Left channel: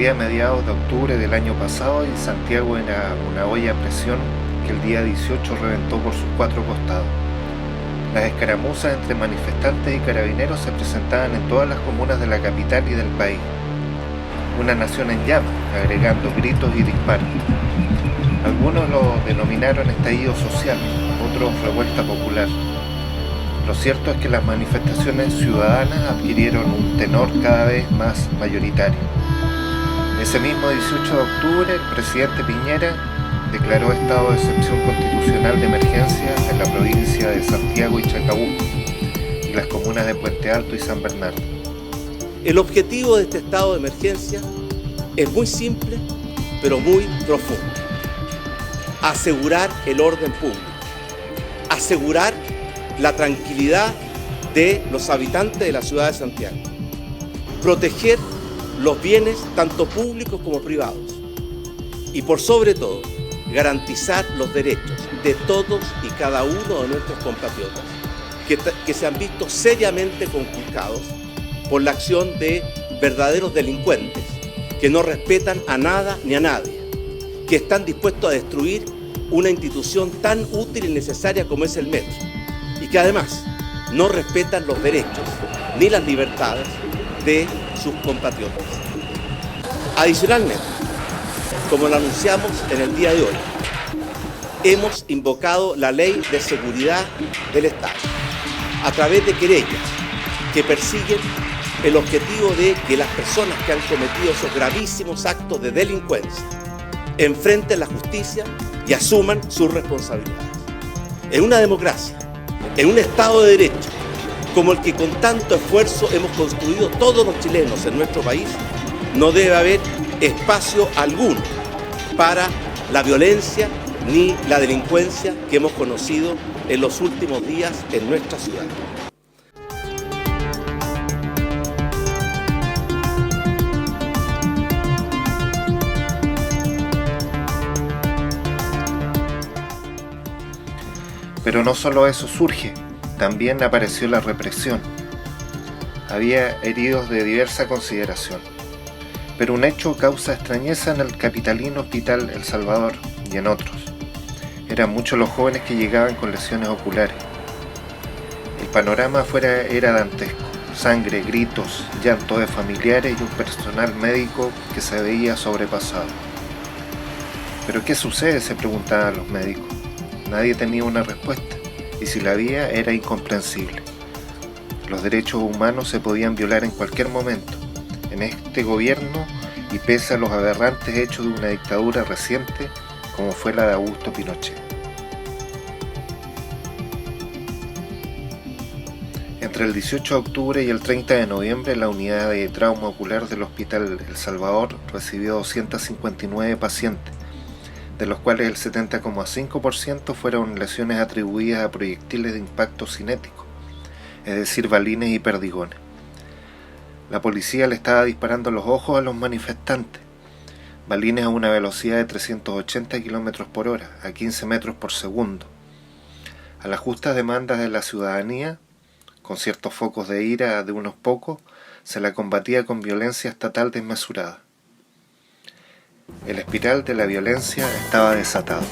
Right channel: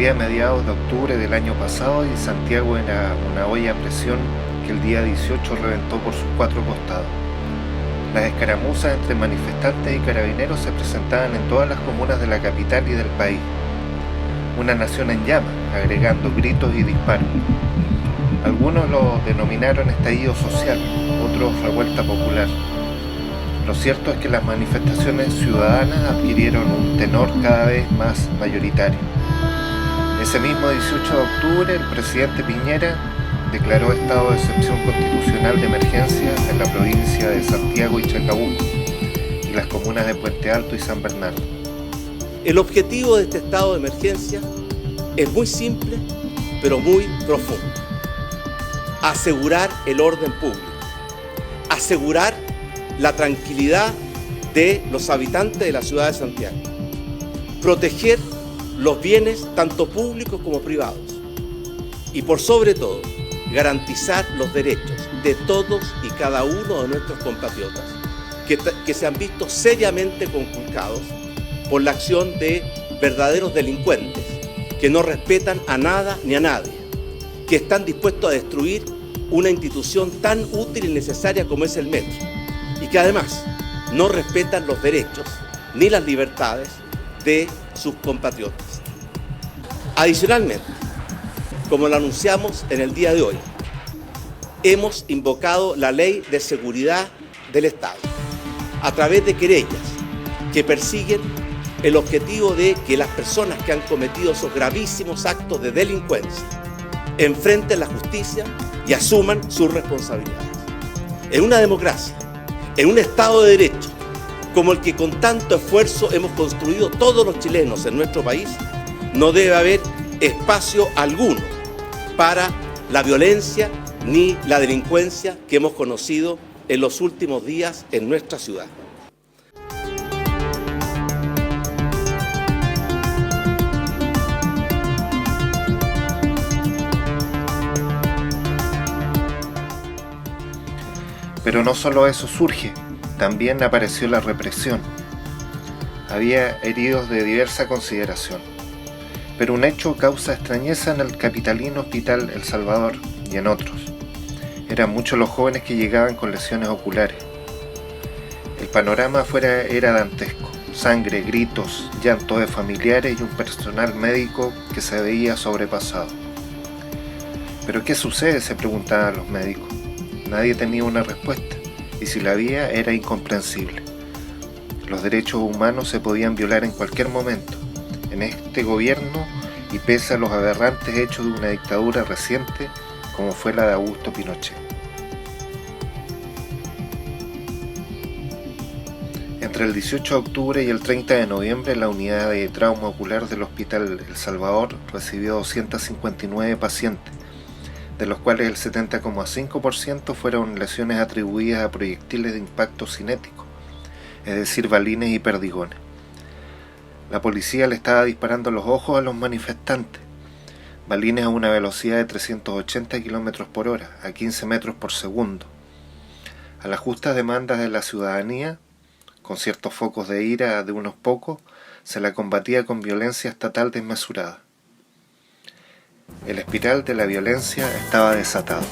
ocurría a mediados de octubre del año pasado y Santiago era una olla a presión que el día 18 reventó por sus cuatro costados. Las escaramuzas entre manifestantes y carabineros se presentaban en todas las comunas de la capital y del país. Una nación en llamas, agregando gritos y disparos. Algunos lo denominaron estallido social, otros revuelta popular. Lo cierto es que las manifestaciones ciudadanas adquirieron un tenor cada vez más mayoritario. Ese mismo 18 de octubre, el presidente Piñera declaró estado de excepción constitucional de emergencia en la provincia de Santiago y Chacabuco y las comunas de Puente Alto y San Bernardo. El objetivo de este estado de emergencia es muy simple, pero muy profundo. Asegurar el orden público, asegurar la tranquilidad de los habitantes de la ciudad de Santiago, proteger los bienes tanto públicos como privados y por sobre todo garantizar los derechos de todos y cada uno de nuestros compatriotas que se han visto seriamente conculcados por la acción de verdaderos delincuentes que no respetan a nada ni a nadie, que están dispuestos a destruir una institución tan útil y necesaria como es el metro, y que además no respetan los derechos ni las libertades de sus compatriotas. Adicionalmente, como lo anunciamos en el día de hoy, hemos invocado la Ley de Seguridad del Estado a través de querellas que persiguen el objetivo de que las personas que han cometido esos gravísimos actos de delincuencia enfrenten la justicia y asuman sus responsabilidades. En una democracia, en un Estado de Derecho, como el que con tanto esfuerzo hemos construido todos los chilenos en nuestro país, no debe haber espacio alguno para la violencia ni la delincuencia que hemos conocido en los últimos días en nuestra ciudad. Pero no solo eso surge, también apareció la represión. Había heridos de diversa consideración, pero un hecho causa extrañeza en el capitalino Hospital El Salvador y en otros. Eran muchos los jóvenes que llegaban con lesiones oculares. El panorama afuera era dantesco: sangre, gritos, llanto de familiares y un personal médico que se veía sobrepasado. ¿Pero qué sucede?, se preguntaban los médicos. Nadie tenía una respuesta, y si la había, era incomprensible. Los derechos humanos se podían violar en cualquier momento, en este gobierno, y pese a los aberrantes hechos de una dictadura reciente, como fue la de Augusto Pinochet. Entre el 18 de octubre y el 30 de noviembre, la unidad de trauma ocular del Hospital El Salvador recibió 259 pacientes, de los cuales el 70,5% fueron lesiones atribuidas a proyectiles de impacto cinético, es decir, balines y perdigones. La policía le estaba disparando los ojos a los manifestantes, balines a una velocidad de 380 km por hora, a 15 metros por segundo. A las justas demandas de la ciudadanía, con ciertos focos de ira de unos pocos, se la combatía con violencia estatal desmesurada. El espiral de la violencia estaba desatado.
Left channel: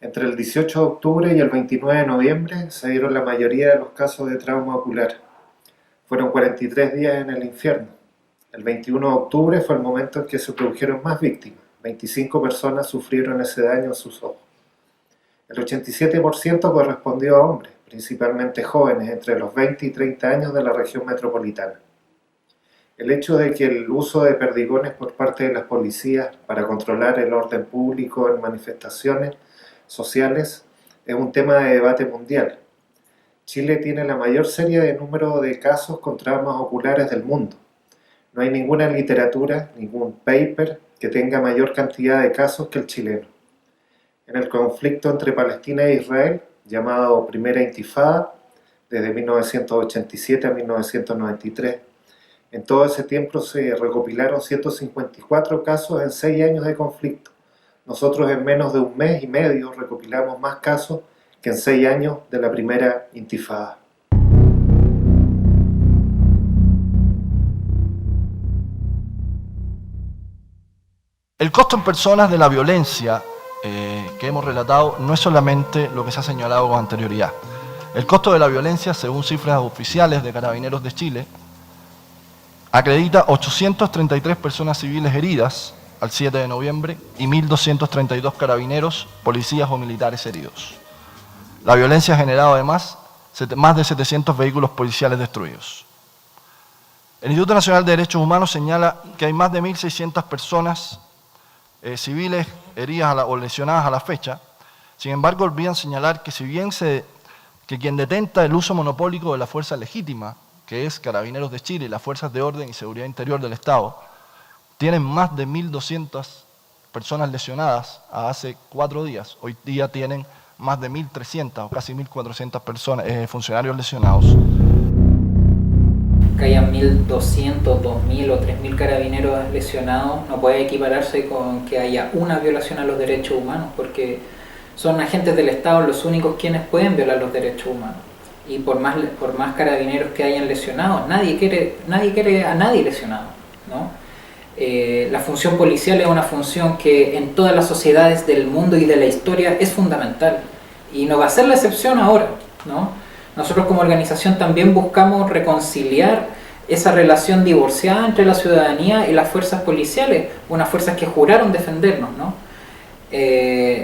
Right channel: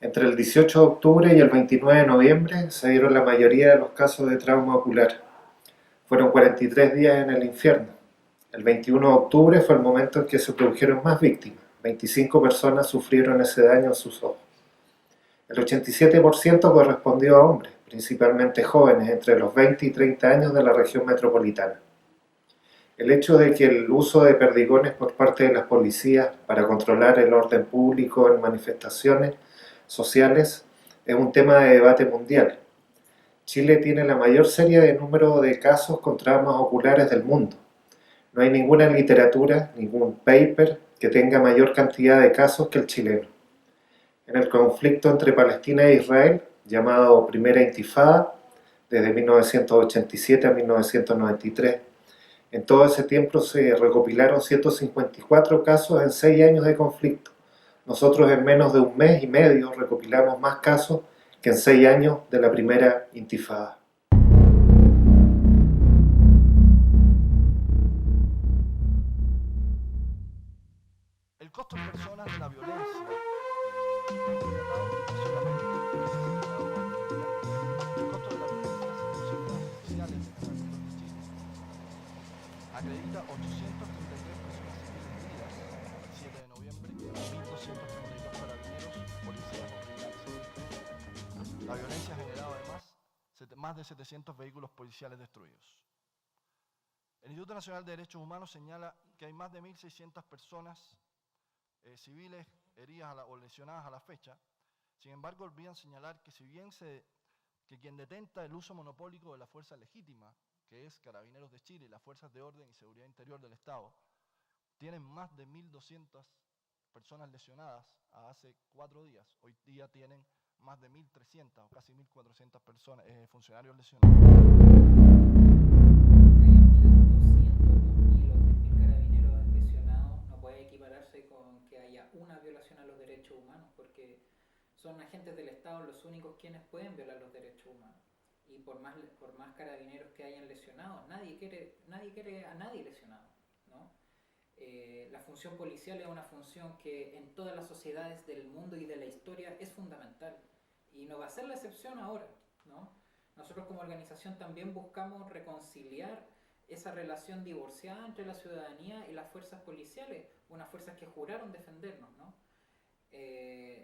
Entre el 18 de octubre y el 29 de noviembre se dieron la mayoría de los casos de trauma ocular. Fueron 43 días en el infierno. El 21 de octubre fue el momento en que se produjeron más víctimas. 25 personas sufrieron ese daño en sus ojos. El 87% correspondió a hombres, principalmente jóvenes entre los 20 y 30 años de la región metropolitana. El hecho de que el uso de perdigones por parte de las policías para controlar el orden público en manifestaciones sociales es un tema de debate mundial, Chile tiene la mayor serie de número de casos con traumas oculares del mundo. No hay ninguna literatura, ningún paper que tenga mayor cantidad de casos que el chileno. En el conflicto entre Palestina e Israel, llamado Primera Intifada, desde 1987 a 1993, en todo ese tiempo se recopilaron 154 casos en 6 años de conflicto. Nosotros en menos de un mes y medio recopilamos más casos que en 6 años de la Primera Intifada. El costo en personas de la violencia que hemos relatado no es solamente lo que se ha señalado con anterioridad. El costo de la violencia, según cifras oficiales de Carabineros de Chile, acredita 833 personas civiles heridas al 7 de noviembre y 1.232 carabineros, policías o militares heridos. La violencia ha generado además más de 700 vehículos policiales destruidos. El Instituto Nacional de Derechos Humanos señala que hay más de 1.600 personas civiles heridas o lesionadas a la fecha. Sin embargo, olvidan señalar que que quien detenta el uso monopólico de la fuerza legítima, que es Carabineros de Chile y las Fuerzas de Orden y Seguridad Interior del Estado, tienen más de 1.200 personas lesionadas hace 4 días. Hoy día tienen más de 1.300 o casi 1.400 personas, funcionarios lesionados. Que haya 1.200, 2.000 o 3.000 carabineros lesionados no puede equipararse con que haya una violación a los derechos humanos, porque son agentes del Estado los únicos quienes pueden violar los derechos humanos. Y por más carabineros que hayan lesionados, nadie quiere a nadie lesionado, ¿no? La función policial es una función que en todas las sociedades del mundo y de la historia es fundamental, y no va a ser la excepción ahora, ¿no? Nosotros como organización también buscamos reconciliar esa relación divorciada entre la ciudadanía y las fuerzas policiales, unas fuerzas que juraron defendernos, ¿no?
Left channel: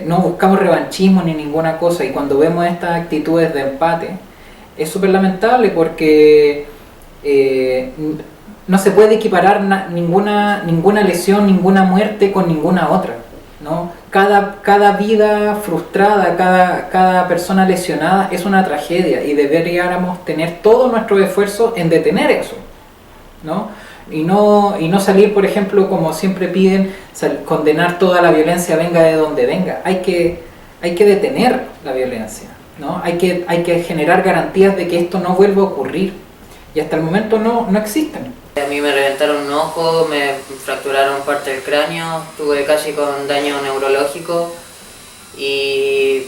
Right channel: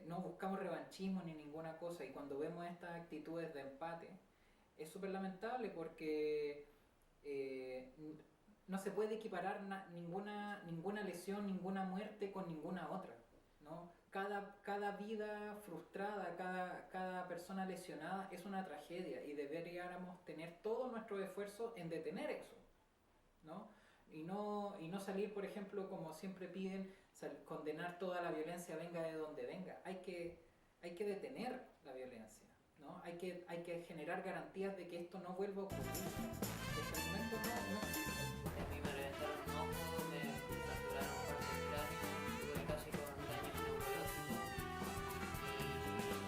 No buscamos revanchismo ni ninguna cosa, y cuando vemos estas actitudes de empate es súper lamentable, porque no se puede equiparar ninguna lesión, ninguna muerte con ninguna otra, ¿no? Cada vida frustrada, cada persona lesionada es una tragedia, y deberíamos tener todo nuestro esfuerzo en detener eso, ¿no? Y no salir, por ejemplo, como siempre piden, condenar toda la violencia, venga de donde venga. Hay que detener la violencia, ¿no? Hay que generar garantías de que esto no vuelva a ocurrir, y hasta el momento no existen. A mí me reventaron un ojo, me fracturaron parte del cráneo, estuve casi con daño neurológico, y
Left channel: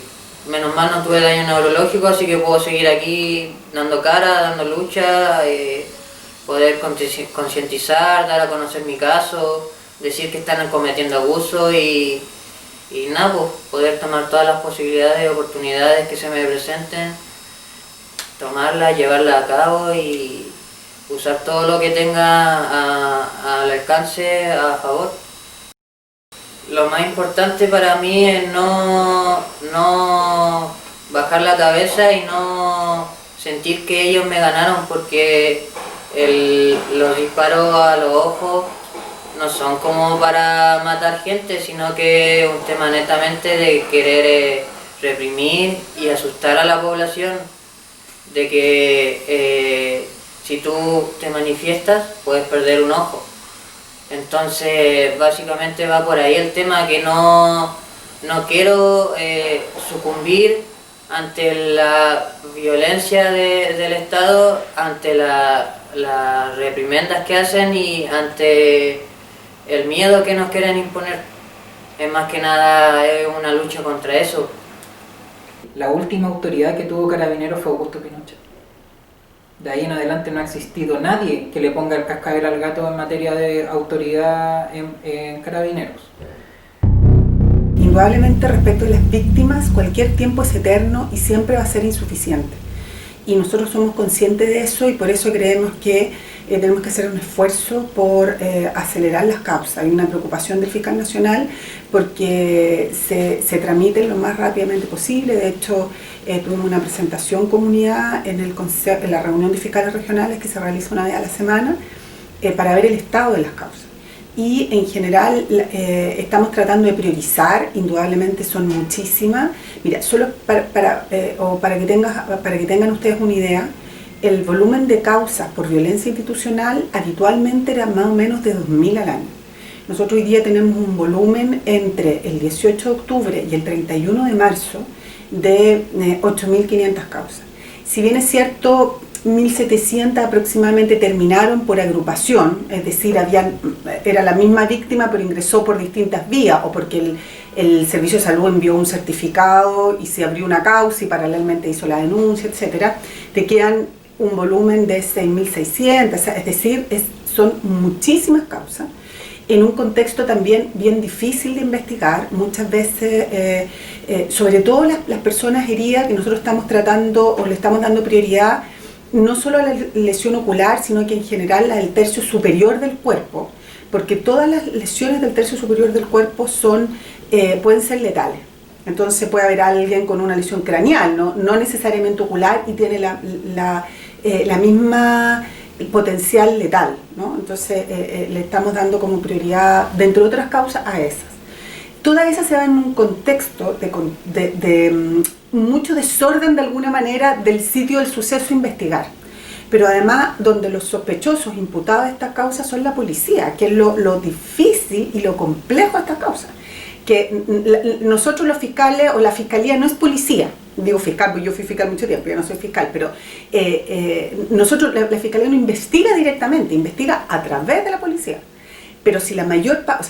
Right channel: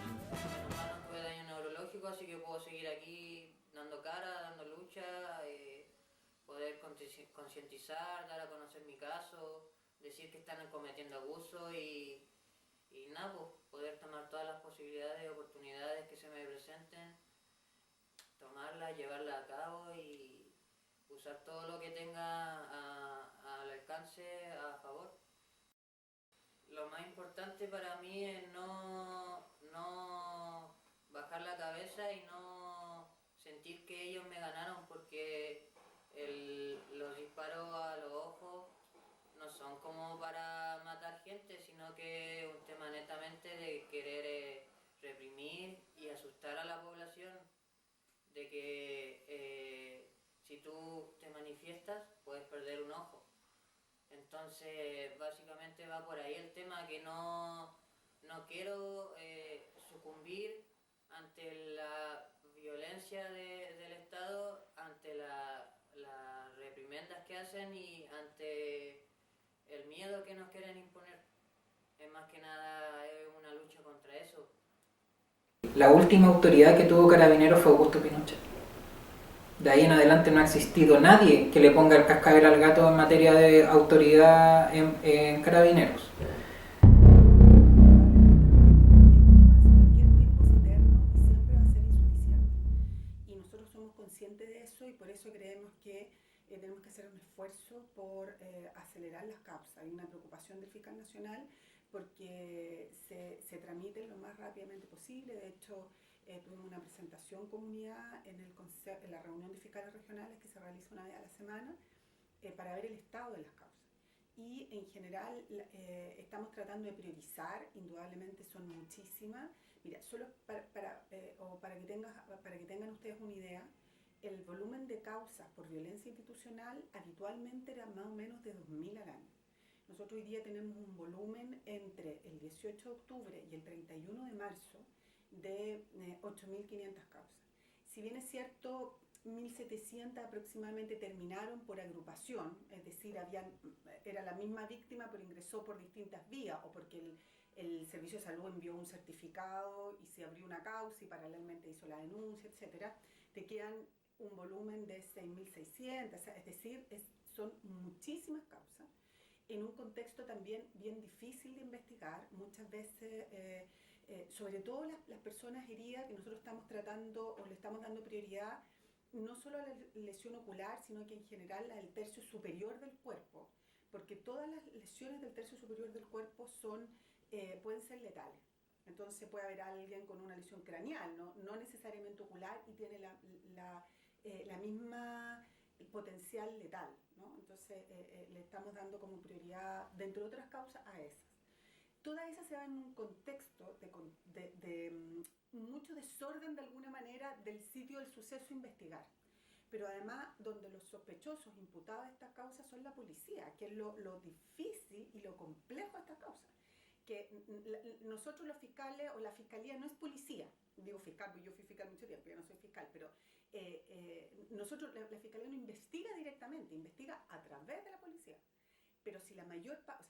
menos mal no tuve daño neurológico, así que puedo seguir aquí dando cara, dando lucha, poder concientizar, dar a conocer mi caso, decir que están cometiendo abuso y nada, pues, poder tomar todas las posibilidades y oportunidades que se me presenten, tomarlas, llevarlas a cabo y usar todo lo que tenga al alcance a favor. Lo más importante para mí es no bajar la cabeza y no sentir que ellos me ganaron, porque los disparos a los ojos no son como para matar gente, sino que es un tema netamente de querer reprimir y asustar a la población, de que si tú te manifiestas puedes perder un ojo. Entonces básicamente va por ahí el tema, que no quiero sucumbir ante la violencia del Estado, ante las reprimendas que hacen y ante el miedo que nos quieren imponer. Es más que nada una lucha contra eso. La última autoridad que tuvo Carabineros fue Augusto Pinochet. De ahí en adelante no ha existido nadie que le ponga el cascabel al gato en materia de autoridad en Carabineros. Indudablemente, respecto a las víctimas, cualquier tiempo es eterno y siempre va a ser insuficiente. Y nosotros somos conscientes de eso, y por eso creemos que tenemos que hacer un esfuerzo por acelerar las causas. Hay una preocupación del fiscal nacional porque se tramiten lo más rápidamente posible. De hecho, tuvimos una presentación comunidad en la reunión de fiscales regionales que se realiza una vez a la semana para ver el estado de las causas. y en general estamos tratando de priorizar, indudablemente son muchísimas. Mira, solo para que tengan ustedes una idea, el volumen de causas por violencia institucional habitualmente era más o menos de 2.000 al año. Nosotros hoy día tenemos un volumen entre el 18 de octubre y el 31 de marzo de 8.500 causas. Si bien es cierto, 1.700 aproximadamente terminaron por agrupación, es decir, era la misma víctima pero ingresó por distintas vías, o porque el Servicio de Salud envió un certificado y se abrió una causa y paralelamente hizo la denuncia, etcétera, te quedan un volumen de 6.600, es decir, son muchísimas causas, en un contexto también bien difícil de investigar. Muchas veces, sobre todo las personas heridas, que nosotros estamos tratando o le estamos dando prioridad no solo a la lesión ocular, sino que en general al tercio superior del cuerpo, porque todas las lesiones del tercio superior del cuerpo pueden ser letales. Entonces puede haber alguien con una lesión craneal, no necesariamente ocular, y tiene la misma potencial letal, ¿no? Entonces le estamos dando como prioridad, dentro de otras causas, a esas. Todas esas se dan en un contexto de mucho desorden de alguna manera del sitio del suceso a investigar, pero además donde los sospechosos imputados de estas causas son la policía, que es lo difícil y lo complejo de estas causas. Que nosotros los fiscales o la fiscalía no es policía, digo fiscal porque yo fui fiscal mucho tiempo, yo no soy fiscal, pero nosotros, la fiscalía no investiga directamente, investiga a través de la policía. Pero si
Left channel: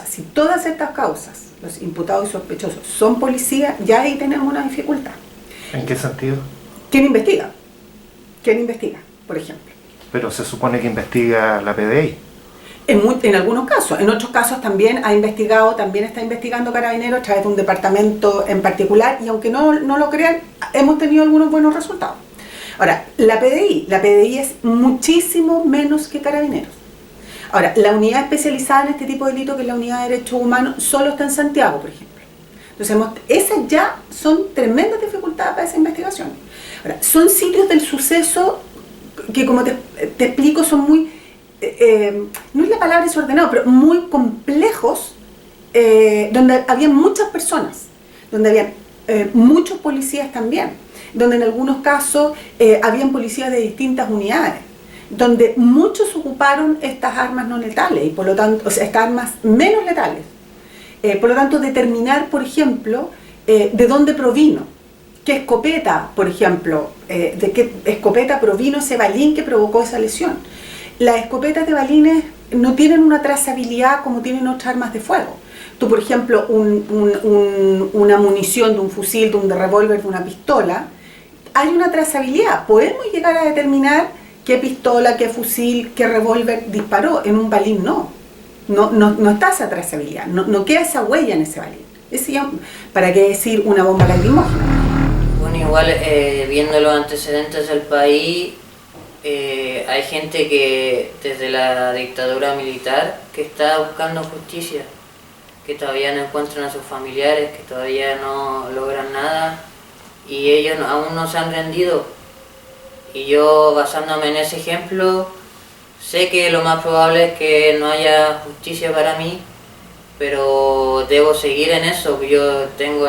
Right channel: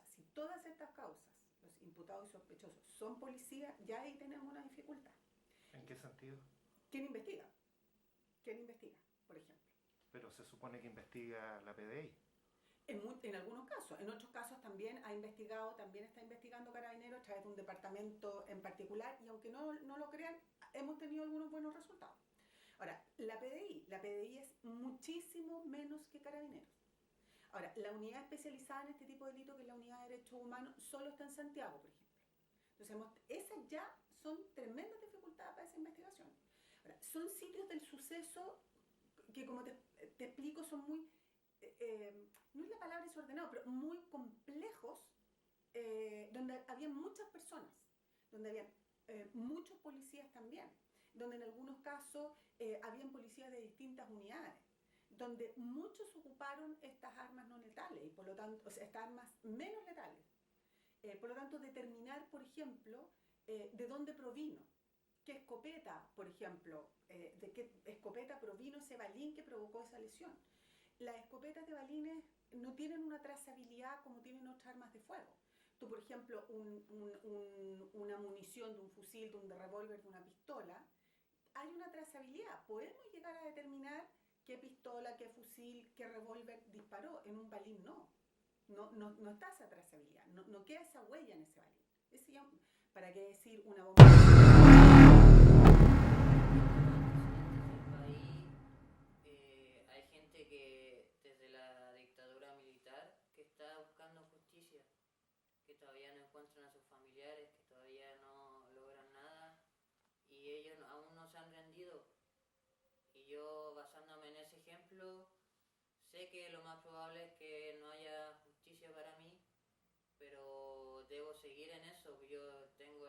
si todas estas causas, los imputados y sospechosos son policías, ya ahí tenemos una dificultad. ¿En qué sentido? ¿Quién investiga? ¿Quién investiga, por ejemplo? Pero se supone que investiga la PDI. En algunos casos, en otros casos también está investigando Carabineros a través de un departamento en particular, y aunque no lo crean, hemos tenido algunos buenos resultados. Ahora, la PDI es muchísimo menos que Carabineros. Ahora, la unidad especializada en este tipo de delitos, que es la unidad de derechos humanos, solo está en Santiago, por ejemplo. Entonces, esas ya son tremendas dificultades para esa investigación. Ahora, son sitios del suceso que, como te explico, son muy... no es la palabra desordenado, pero muy complejos, donde había muchas personas, donde habían muchos policías también, donde en algunos casos habían policías de distintas unidades, donde muchos ocuparon estas armas no letales, y por lo tanto, estas armas menos letales. Por lo tanto, determinar, por ejemplo, de dónde provino, qué escopeta, por ejemplo, de qué escopeta provino ese balín que provocó esa lesión. Las escopetas de balines no tienen una trazabilidad como tienen otras armas de fuego. Tú, por ejemplo, una munición de un fusil, de un revólver, de una pistola, hay una trazabilidad. Podemos llegar a determinar qué pistola, qué fusil, qué revólver disparó. En un balín no está esa trazabilidad, no queda esa huella en ese balín. ¿Para qué decir una bomba lacrimógena? Bueno, igual viendo los antecedentes del país, hay gente que desde la dictadura militar que está buscando justicia, que todavía no encuentran a sus familiares, que todavía no logran nada, y ellos aún no se han rendido. Y yo, basándome en ese ejemplo, sé que lo más probable es que no haya justicia para mí, pero debo seguir en eso. Yo tengo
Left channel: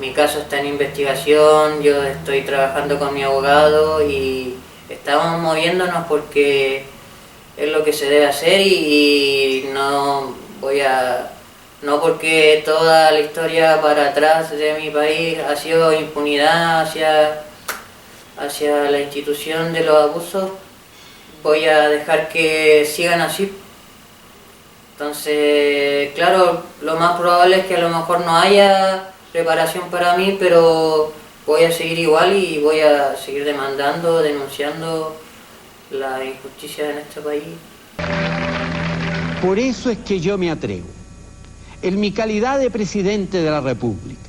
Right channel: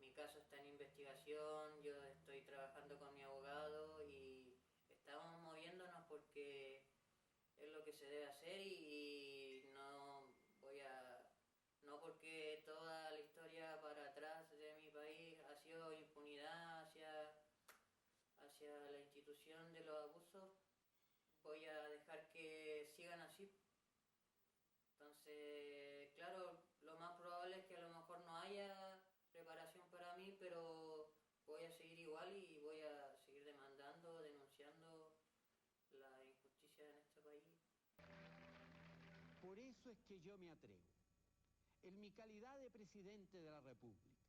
mi caso está en investigación, yo estoy trabajando con mi abogado y estamos moviéndonos porque es lo que se debe hacer, y no porque toda la historia para atrás de mi país ha sido impunidad hacia la institución de los abusos, voy a dejar que sigan así. Entonces, claro, lo más probable es que a lo mejor no haya reparación para mí, pero voy a seguir igual y voy a seguir demandando, denunciando la injusticia en este país. Por eso es que yo me atrevo, en mi calidad de presidente de la República,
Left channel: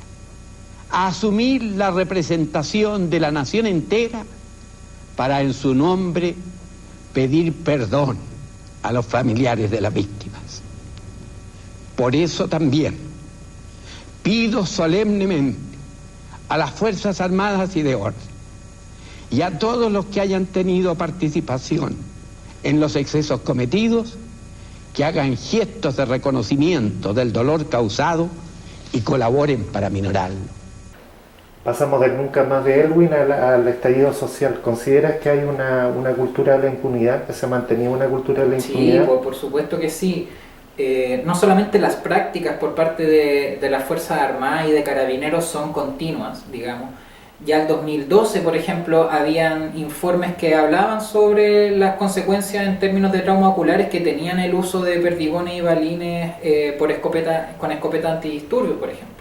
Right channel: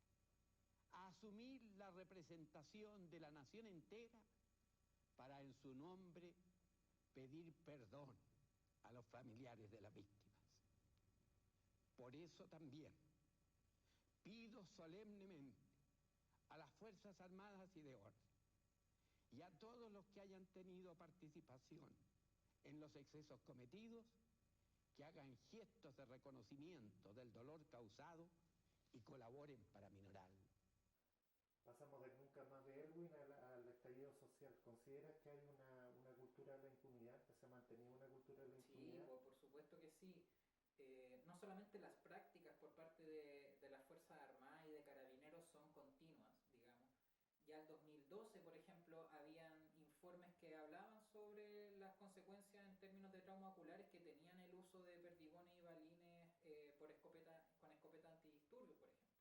a asumir la representación de la nación entera para en su nombre pedir perdón a los familiares de las víctimas. Por eso también pido solemnemente a las Fuerzas Armadas y de Orden y a todos los que hayan tenido participación en los excesos cometidos que hagan gestos de reconocimiento del dolor causado y colaboren para minorarlo. Pasamos del nunca más de Elwin al estallido social. ¿Consideras que hay una cultura de la impunidad, que se ha mantenido una cultura de la impunidad? Sí, por supuesto que sí. No solamente las prácticas por parte de las Fuerzas Armadas y de Carabineros son continuas, digamos. Ya el 2012, por ejemplo, habían informes que hablaban sobre las consecuencias en términos de traumas oculares que tenían el uso de perdigones y balines con escopeta antidisturbios, por ejemplo.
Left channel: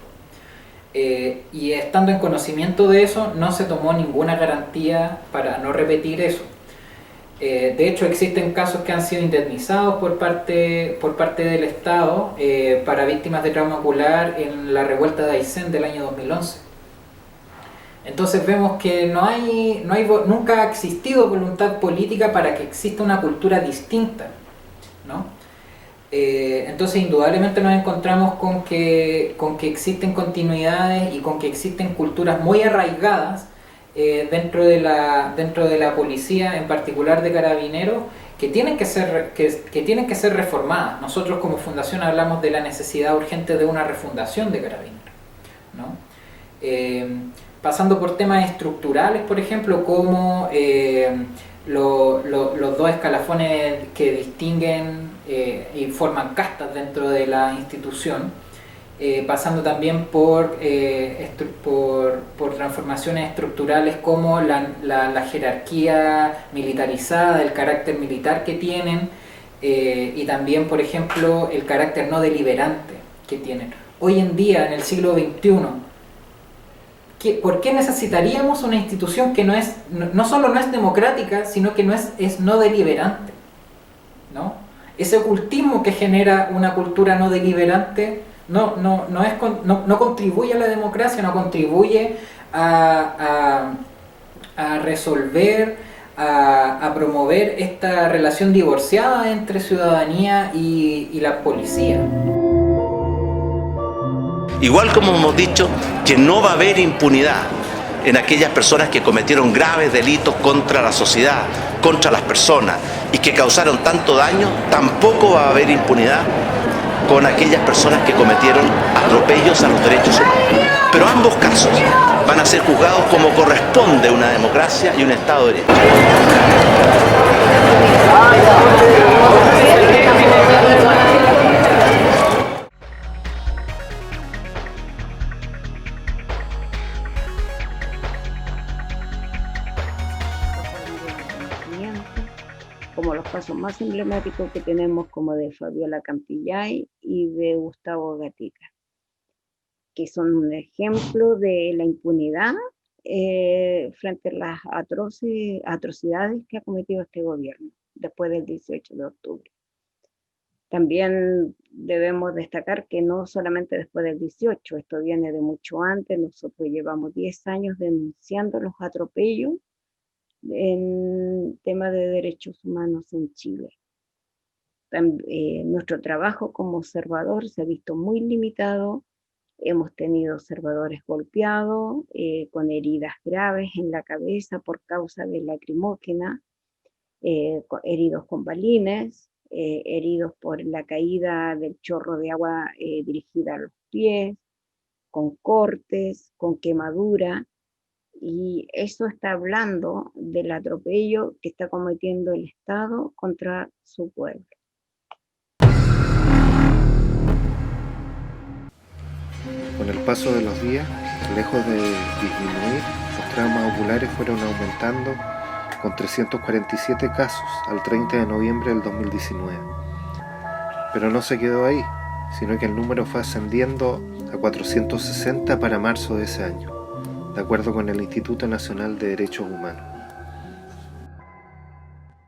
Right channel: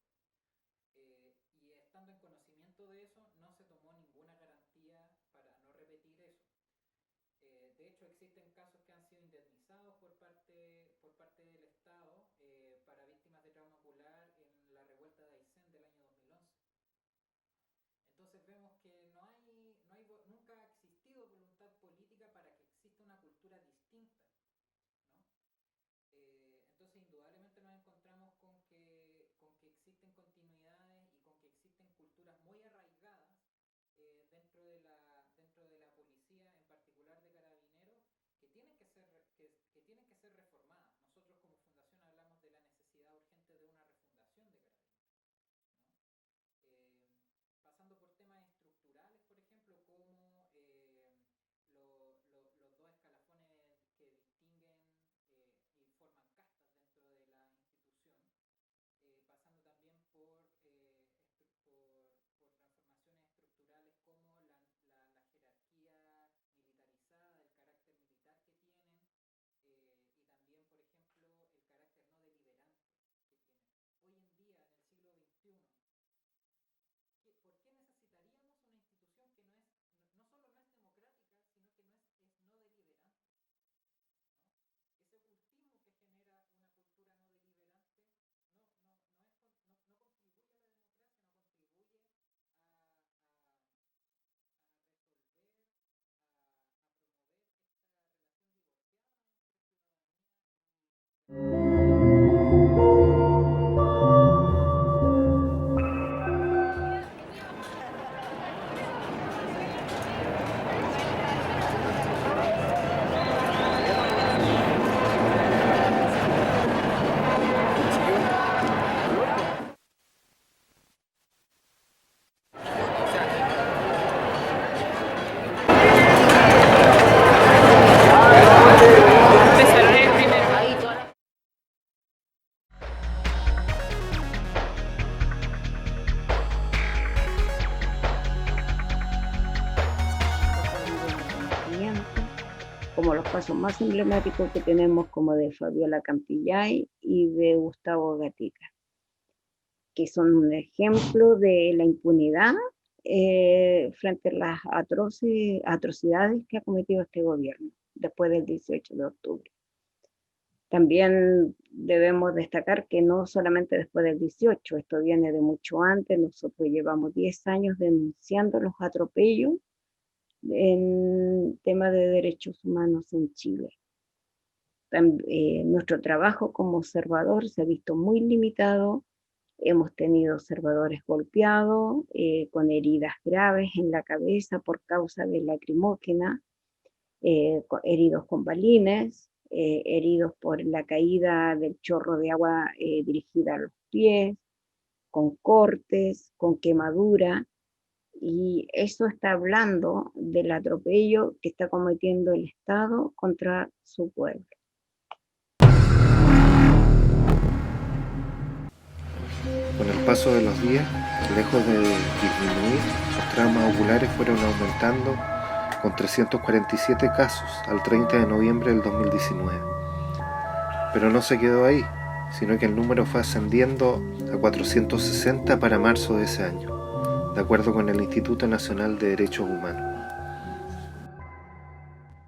Y estando en conocimiento de eso, no se tomó ninguna garantía para no repetir eso. De hecho, existen casos que han sido indemnizados por parte del Estado para víctimas de trauma ocular en la revuelta de Aysén del año 2011. Entonces vemos que nunca ha existido voluntad política para que exista una cultura distinta, ¿no? Entonces indudablemente nos encontramos con que existen continuidades y con que existen culturas muy arraigadas dentro de la policía, en particular de Carabineros, que tienen que ser reformadas. Nosotros como fundación hablamos de la necesidad urgente de una refundación de Carabineros, ¿no? Pasando por temas estructurales, por ejemplo, como los dos escalafones que distinguen y forman castas dentro de la institución, pasando también por transformaciones estructurales como la jerarquía militarizada, el carácter militar que tienen, y también, por ejemplo, el carácter no deliberante que tienen. Hoy en día, en el siglo XXI, ¿por qué necesitaríamos una institución que no solo no es democrática, sino que es no deliberante, ¿no? Ese ocultismo que genera una cultura no deliberante no contribuye a la democracia, no contribuye a resolver, a promover esta relación divorciada entre ciudadanía y la policía. Igual como hemos dicho que no va a haber impunidad en aquellas personas que cometieron graves delitos contra la sociedad, contra las personas y que causaron tanto daño, tampoco va a haber impunidad con aquellas personas que cometieron atropellos a los derechos humanos. Pero ambos casos van a ser juzgados como corresponde una democracia y un Estado de Derecho. Como los casos más emblemáticos que tenemos, como de Fabiola Campillay y de Gustavo Gatica, que son un ejemplo de la impunidad frente a las atrocidades que ha cometido este gobierno después del 18 de octubre. También debemos destacar que no solamente después del 18, esto viene de mucho antes. Nosotros llevamos 10 años denunciando los atropellos en temas de derechos humanos en Chile. Nuestro trabajo como observador se ha visto muy limitado. Hemos tenido observadores golpeados, con heridas graves en la cabeza por causa de lacrimógena, heridos con balines, heridos por la caída del chorro de agua dirigida a los pies, con cortes, con quemadura. Y eso está hablando del atropello que está cometiendo el Estado contra su pueblo. Con el paso de los días, lejos de disminuir, los traumas oculares fueron aumentando con 347 casos al 30 de noviembre del 2019. Pero no se quedó ahí, sino que el número fue ascendiendo a 460 para marzo de ese año, de acuerdo con el Instituto Nacional de Derechos Humanos.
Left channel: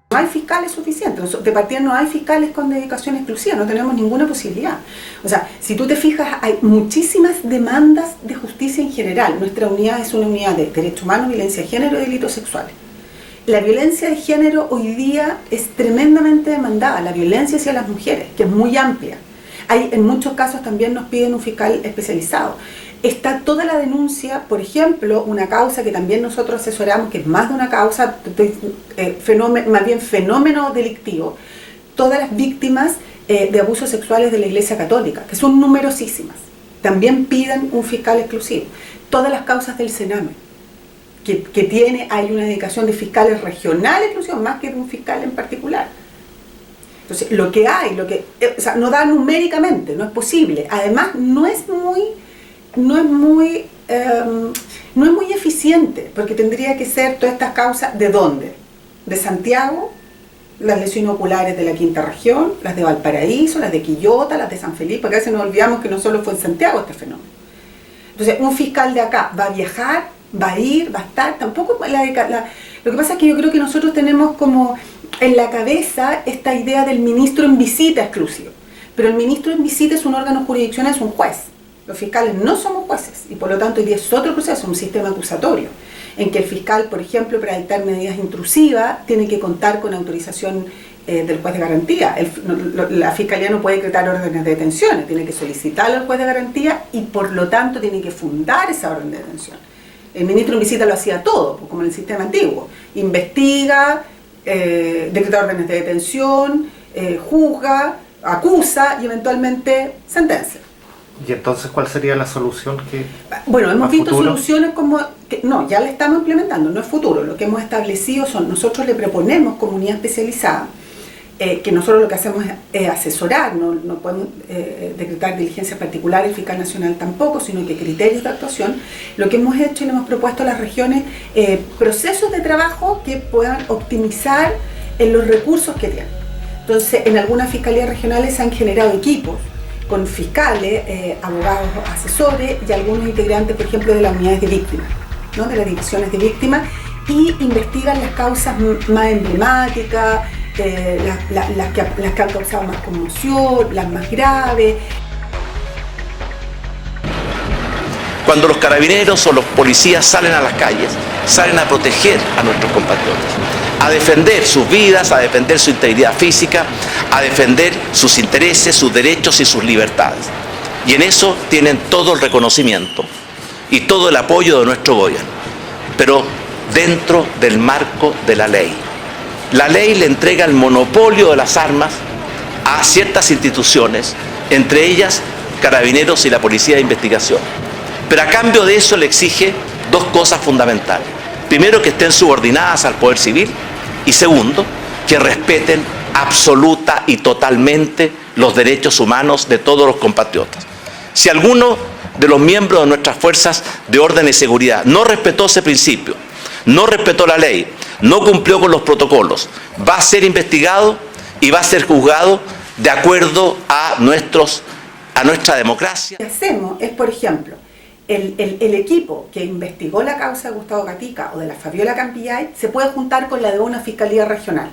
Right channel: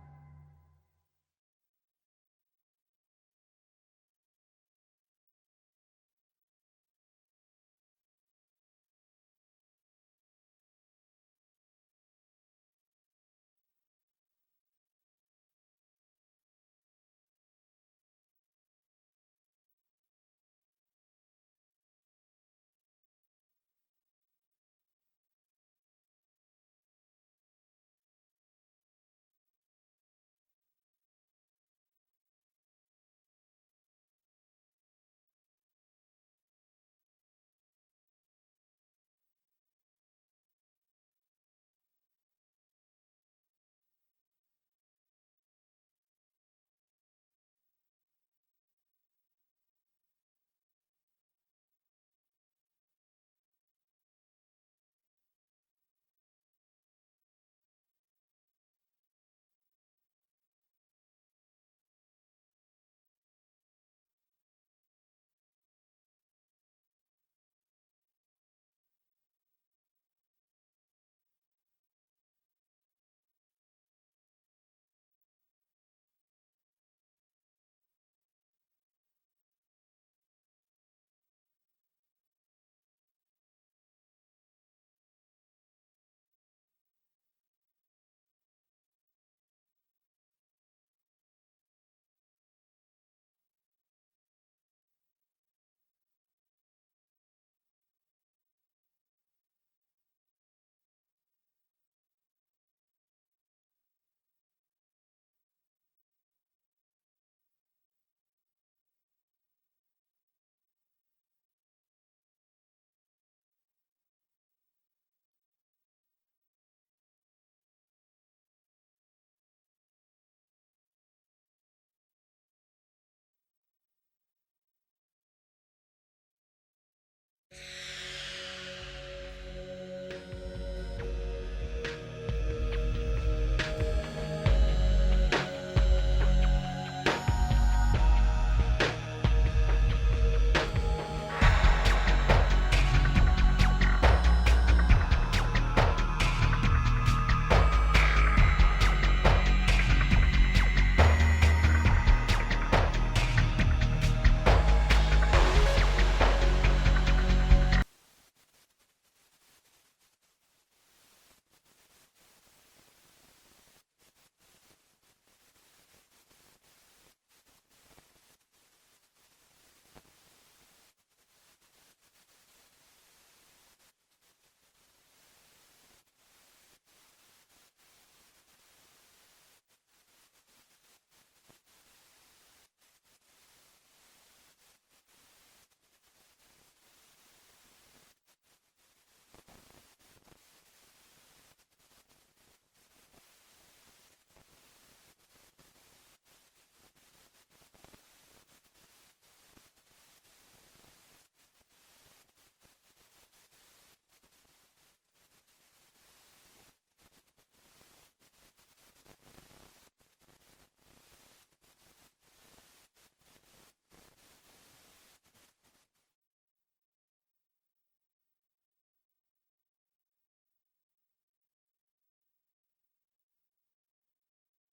No hay fiscales suficientes, de partida no hay fiscales con dedicación exclusiva, no tenemos ninguna posibilidad. O sea, si tú te fijas, hay muchísimas demandas de justicia en general. Nuestra unidad es una unidad de derechos humanos, violencia de género y delitos sexuales. La violencia de género hoy día es tremendamente demandada, la violencia hacia las mujeres, que es muy amplia. En muchos casos también nos piden un fiscal especializado. Está toda la denuncia, por ejemplo, una causa que también nosotros asesoramos, que es más de una causa, más bien fenómeno delictivo, todas las víctimas de abusos sexuales de la Iglesia Católica, que son numerosísimas. También piden un fiscal exclusivo. Todas las causas del Sename, hay una dedicación de fiscales regionales exclusivos, más que de un fiscal en particular. Entonces, lo que hay, o sea, no da numéricamente, no es posible. Además, no es muy eficiente, porque tendría que ser todas estas causas, ¿de dónde? De Santiago, las lesiones oculares de la quinta región, las de Valparaíso, las de Quillota, las de San Felipe, porque a veces nos olvidamos que no solo fue en Santiago este fenómeno. Entonces, un fiscal de acá va a viajar, va a ir, va a estar, tampoco lo que pasa es que yo creo que nosotros tenemos como en la cabeza esta idea del ministro en visita exclusivo, pero el ministro en visita es un órgano jurisdiccional, es un juez. Los fiscales no somos jueces y por lo tanto hoy día es otro proceso, un sistema acusatorio, en que el fiscal, por ejemplo, para dictar medidas intrusivas, tiene que contar con autorización del juez de garantía. La fiscalía no puede decretar órdenes de detención, tiene que solicitarle al juez de garantía y por lo tanto tiene que fundar esa orden de detención. El ministro en visita lo hacía todo, como en el sistema antiguo. Investiga, decreta órdenes de detención, juzga, acusa y eventualmente sentencia. ¿Y entonces cuál sería la solución que Bueno, hemos visto futuro? soluciones como no, ya la estamos implementando, no es futuro. Lo que hemos establecido son, nosotros le proponemos comunidad especializada, que nosotros lo que hacemos es asesorar, no podemos decretar diligencias particulares, el fiscal nacional tampoco, sino que criterios de actuación. Lo que hemos hecho y le hemos propuesto a las regiones procesos de trabajo que puedan optimizar los recursos que tienen. Entonces, en algunas fiscalías regionales se han generado equipos con fiscales, abogados, asesores y algunos integrantes, por ejemplo, de las unidades de víctimas, ¿no? De las divisiones de víctimas, y investigan las causas más emblemáticas, las que han causado más conmoción, las más graves. Cuando los carabineros o los policías salen a las calles, salen a proteger a nuestros compatriotas, a defender sus vidas, a defender su integridad física, a defender sus intereses, sus derechos y sus libertades. Y en eso tienen todo el reconocimiento y todo el apoyo de nuestro gobierno, pero dentro del marco de la ley. La ley le entrega el monopolio de las armas a ciertas instituciones, entre ellas Carabineros y la Policía de Investigación. Pero a cambio de eso le exige dos cosas fundamentales. Primero, que estén subordinadas al poder civil y segundo, que respeten absoluta y totalmente los derechos humanos de todos los compatriotas. Si alguno de los miembros de nuestras fuerzas de orden y seguridad no respetó ese principio, no respetó la ley, no cumplió con los protocolos, va a ser investigado y va a ser juzgado de acuerdo a nuestra democracia. Lo que hacemos es, por ejemplo, el equipo que investigó la causa de Gustavo Gatica o de la Fabiola Campillay se puede juntar con la de una fiscalía regional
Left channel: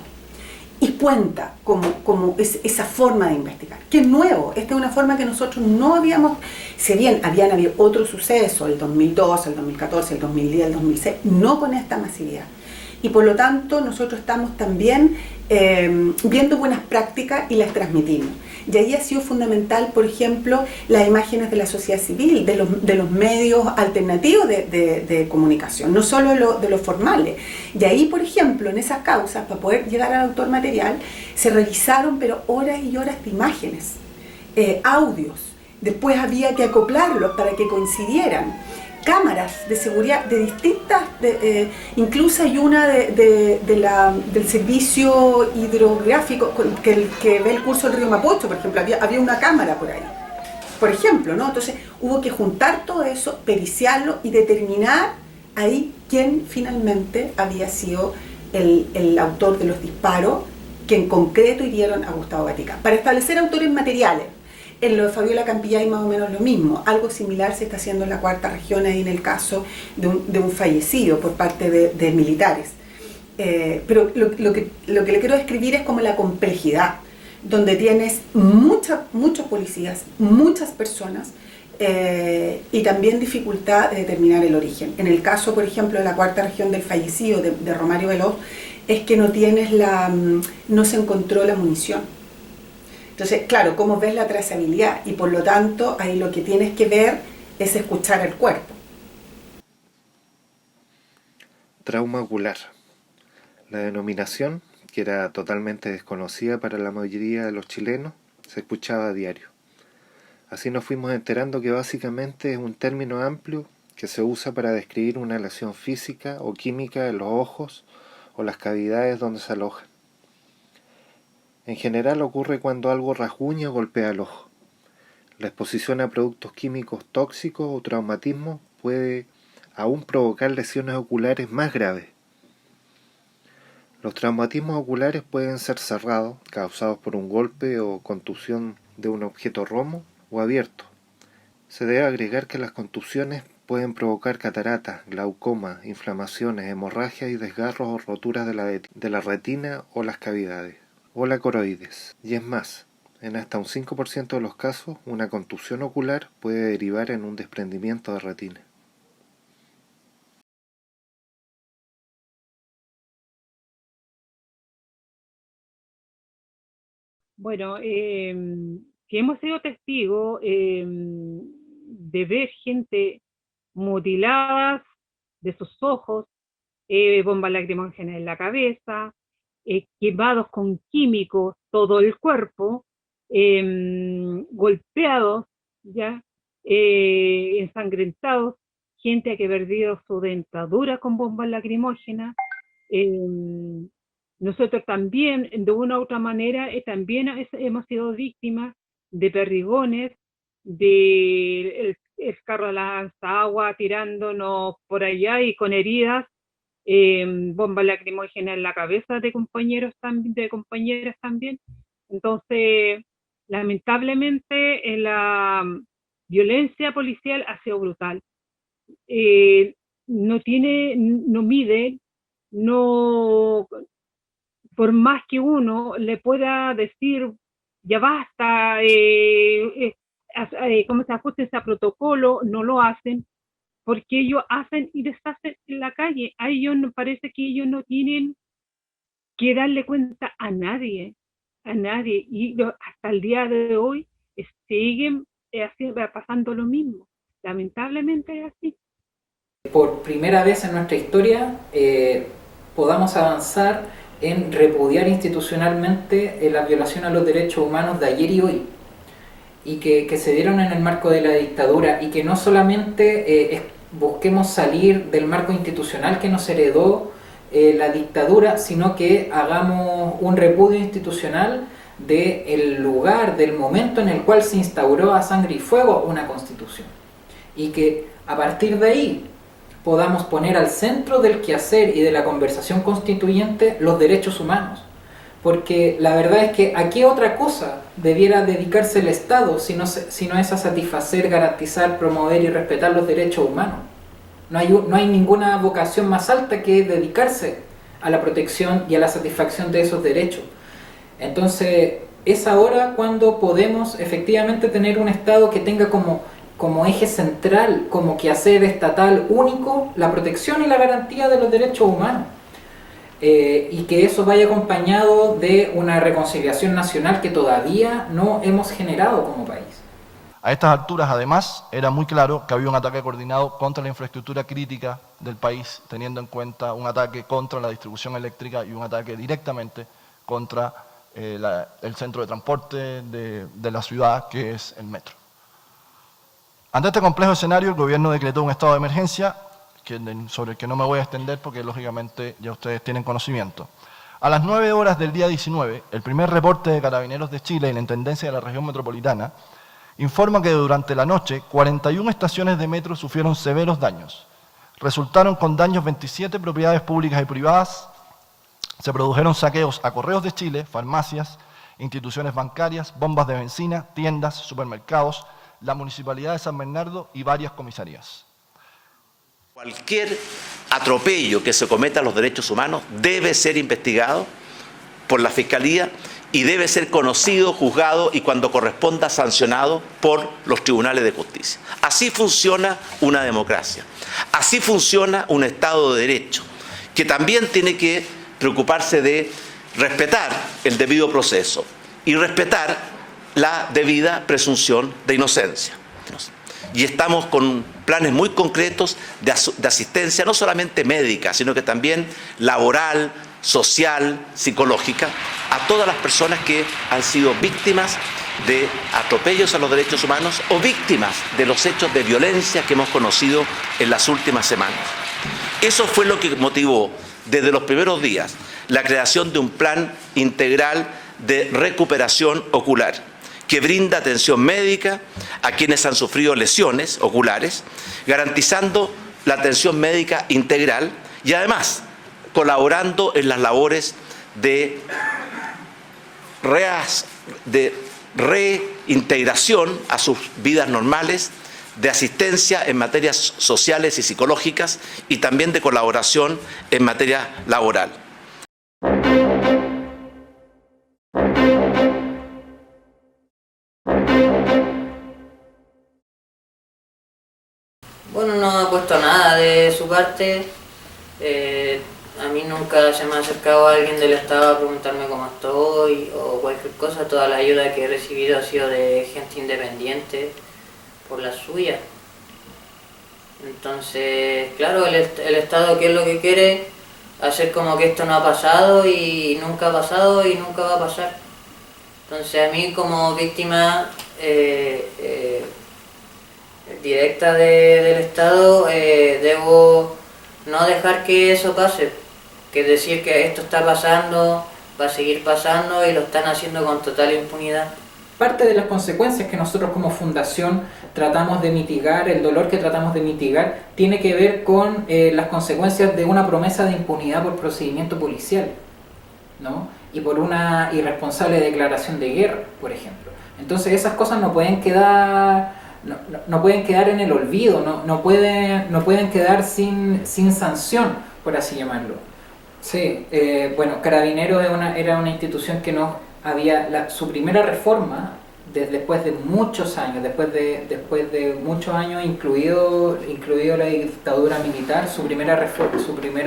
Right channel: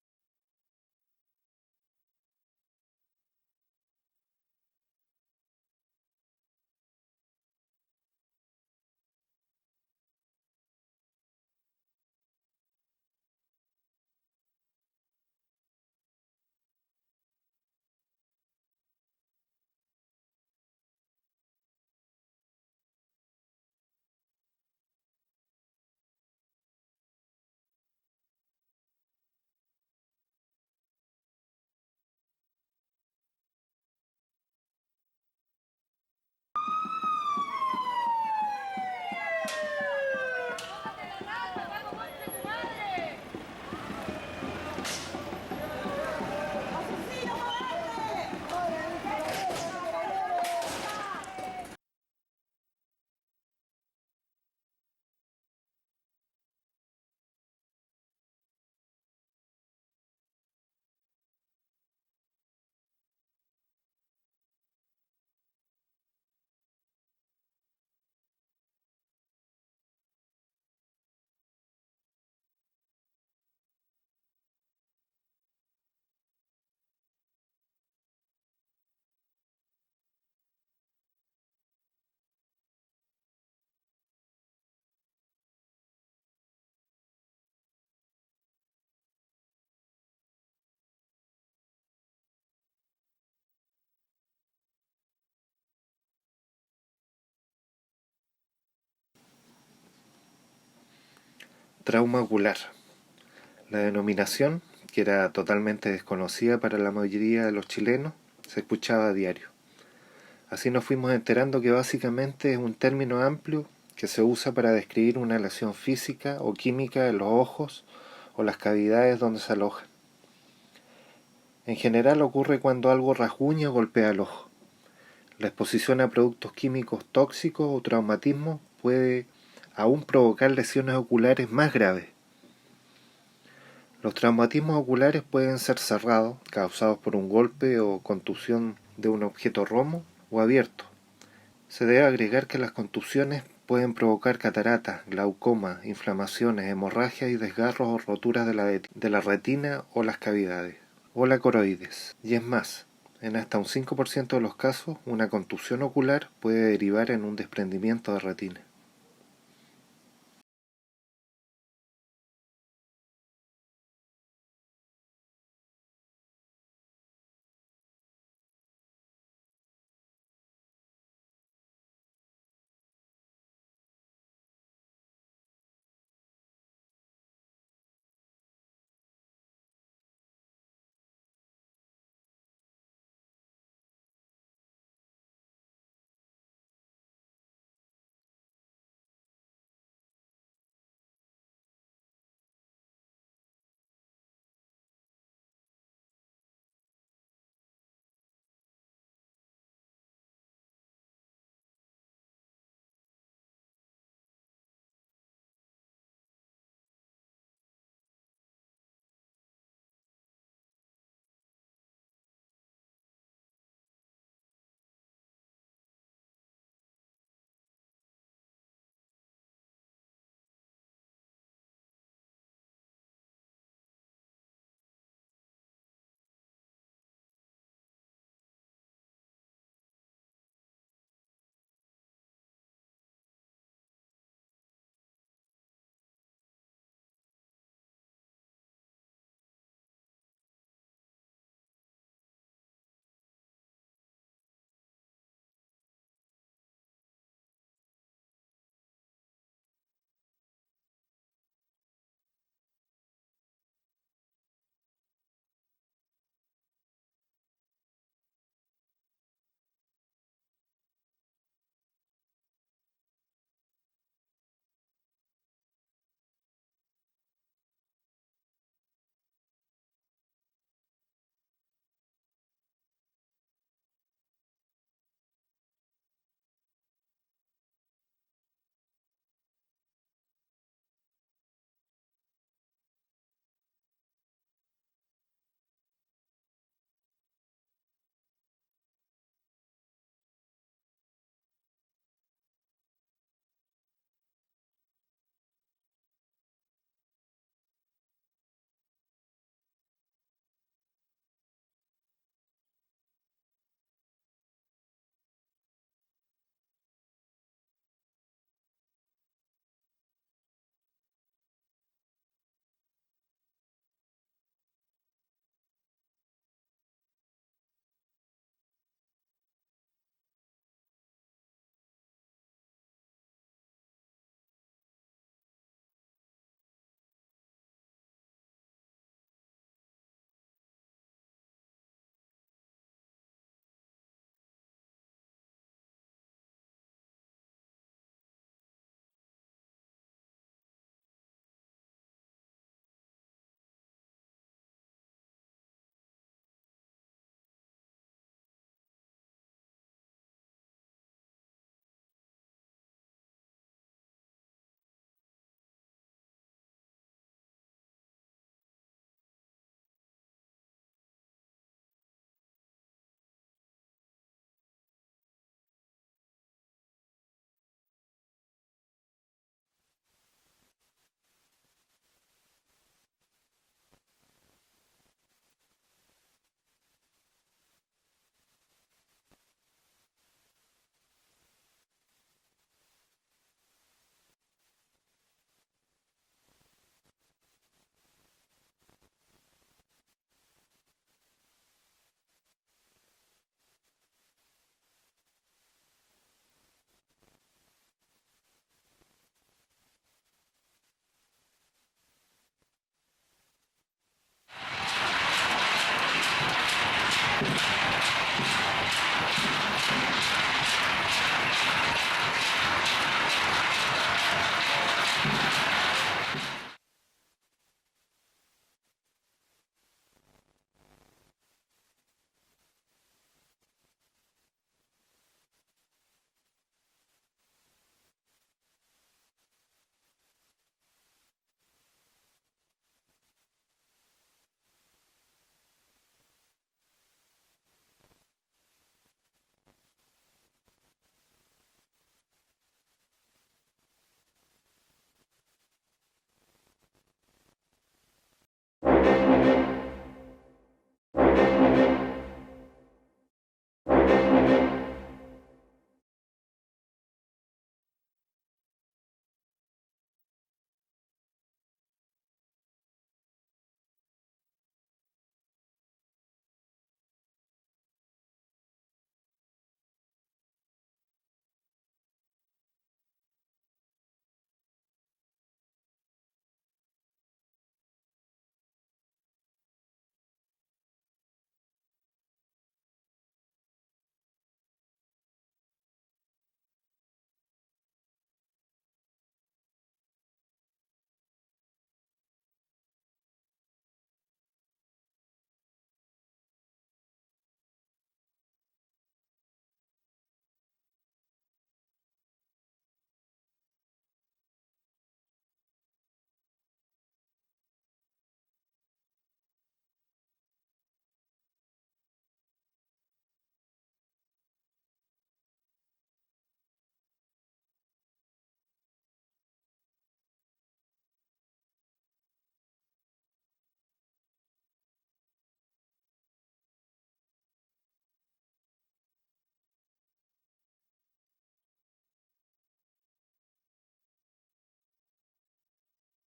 y cuenta como esa forma de investigar, que es nuevo. Esta es una forma que nosotros no habíamos, si bien habían habido otros sucesos, el 2002, el 2014, el 2010, el 2006, no con esta masividad. Y por lo tanto nosotros estamos también viendo buenas prácticas y las transmitimos. Y ahí ha sido fundamental, por ejemplo, las imágenes de la sociedad civil, de los medios alternativos de comunicación, no solo de los formales. Y ahí, por ejemplo, en esas causas, para poder llegar al autor material, se revisaron pero horas y horas de imágenes, audios. Después había que acoplarlos para que coincidieran. Cámaras de seguridad de distintas, incluso hay una del servicio hidrográfico que ve el curso del río Mapocho, por ejemplo, había una cámara por ahí, por ejemplo, ¿no? Entonces hubo que juntar todo eso, periciarlo y determinar ahí quién finalmente había sido el autor de los disparos que en concreto hirieron a Gustavo Gatica, para establecer autores materiales. En lo de Fabiola Campillay más o menos lo mismo. Algo similar se está haciendo en la cuarta región, ahí en el caso de un fallecido por parte de militares. Pero lo que le quiero describir es como la complejidad, donde tienes muchos policías, muchas personas, y también dificultad de determinar el origen. En el caso, por ejemplo, de la cuarta región del fallecido, de Romario Veloz, es que no se encontró la munición. Entonces, claro, ¿cómo ves la trazabilidad? Y por lo tanto, ahí lo que tienes que ver es escuchar el cuerpo. Trauma ocular. La denominación que era totalmente desconocida para la mayoría de los chilenos, se escuchaba a diario. Así nos fuimos enterando que básicamente es un término amplio que se usa para describir una lesión física o química en los ojos o las cavidades donde se alojan. En general ocurre cuando algo rasguña o golpea el ojo. La exposición a productos químicos tóxicos o traumatismo puede aún provocar lesiones oculares más graves. Los traumatismos oculares pueden ser cerrados, causados por un golpe o contusión de un objeto romo, o abiertos. Se debe agregar que las contusiones pueden provocar cataratas, glaucoma, inflamaciones, hemorragias y desgarros o roturas de la retina o las cavidades, o la coroides. Y es más, en hasta un 5% de los casos, una contusión ocular puede derivar en un desprendimiento de retina. Bueno, que hemos sido testigos de ver gente mutiladas de sus ojos, bombas lacrimógenas en la cabeza, quemados con químicos todo el cuerpo, golpeados, ya, ensangrentados, gente que ha perdido su dentadura con bombas lacrimógenas. Nosotros también, de una u otra manera, también hemos sido víctimas de perdigones, de el carro de la agua tirándonos por allá y con heridas, bombas lacrimógenas en la cabeza de compañeros también, de compañeras también. Entonces, lamentablemente, la violencia policial ha sido brutal. No mide, no, por más que uno le pueda decir, ya basta, cómo se ajuste a protocolo, no lo hacen, porque ellos hacen y deshacen en la calle. A ellos nos parece que ellos no tienen que darle cuenta a nadie, y hasta el día de hoy siguen pasando lo mismo. Lamentablemente es así. Por primera vez en nuestra historia podamos avanzar en repudiar institucionalmente la violación a los derechos humanos de ayer y hoy, y que se dieron en el marco de la dictadura, y que no solamente busquemos salir del marco institucional que nos heredó la dictadura, sino que hagamos un repudio institucional del lugar, del momento en el cual se instauró a sangre y fuego una constitución, y que a partir de ahí podamos poner al centro del quehacer y de la conversación constituyente los derechos humanos. Porque la verdad es que ¿a qué otra cosa debiera dedicarse el Estado si no es a satisfacer, garantizar, promover y respetar los derechos humanos? No hay ninguna vocación más alta que dedicarse a la protección y a la satisfacción de esos derechos. Entonces, es ahora cuando podemos efectivamente tener un Estado que tenga como eje central, como quehacer estatal único, la protección y la garantía de los derechos humanos. Y que eso vaya acompañado de una reconciliación nacional que todavía no hemos generado como país. A estas alturas, además, era muy claro que había un ataque coordinado contra la infraestructura crítica del país, teniendo en cuenta un ataque contra la distribución eléctrica y un ataque directamente contra el centro de transporte de la ciudad, que es el metro. Ante este complejo escenario, el gobierno decretó un estado de emergencia, sobre el que no me voy a extender porque lógicamente ya ustedes tienen conocimiento. A las 9 horas del día 19, el primer reporte de Carabineros de Chile y la Intendencia de la Región Metropolitana informa que durante la noche 41 estaciones de metro sufrieron severos daños. Resultaron con daños 27 propiedades públicas y privadas, se produjeron saqueos a Correos de Chile, farmacias, instituciones bancarias, bombas de benzina, tiendas, supermercados, la Municipalidad de San Bernardo y varias comisarías. Cualquier atropello que se cometa a los derechos humanos debe ser investigado por la Fiscalía y debe ser conocido, juzgado y cuando corresponda sancionado por los tribunales de justicia. Así funciona una democracia, así funciona un Estado de Derecho, que también tiene que preocuparse de respetar el debido proceso y respetar la debida presunción de inocencia. Y estamos con planes muy concretos de asistencia, no solamente médica, sino que también laboral, social, psicológica, a todas las personas que han sido víctimas de atropellos a los derechos humanos o víctimas de los hechos de violencia que hemos conocido en las últimas semanas. Eso fue lo que motivó desde los primeros días la creación de un plan integral de recuperación ocular que brinda atención médica a quienes han sufrido lesiones oculares, garantizando la atención médica integral y además colaborando en las labores de reintegración a sus vidas normales, de asistencia en materias sociales y psicológicas y también de colaboración en materia laboral. Bueno, no ha puesto nada de su parte. A mí nunca se me ha acercado alguien del Estado a preguntarme cómo estoy o cualquier cosa. Toda la ayuda que he recibido ha sido de gente independiente por la suya. Entonces, claro, el Estado, ¿qué es lo que quiere? Hacer como que esto no ha pasado y nunca ha pasado y nunca va a pasar. Entonces, a mí como víctima directa del Estado, debo no dejar que eso pase, que es decir que esto está pasando, va a seguir pasando y lo están haciendo con total impunidad. Parte de las consecuencias que nosotros como fundación tratamos de mitigar, el dolor que tratamos de mitigar, tiene que ver con las consecuencias de una promesa de impunidad por procedimiento policial, ¿no? Y por una irresponsable declaración de guerra, por ejemplo. Entonces esas cosas no pueden quedar, no pueden quedar en el olvido, no pueden quedar sin sanción, por así llamarlo. Sí, bueno, Carabineros era una institución que no había su primera reforma después de muchos años, después de muchos años, incluido la dictadura militar, su primera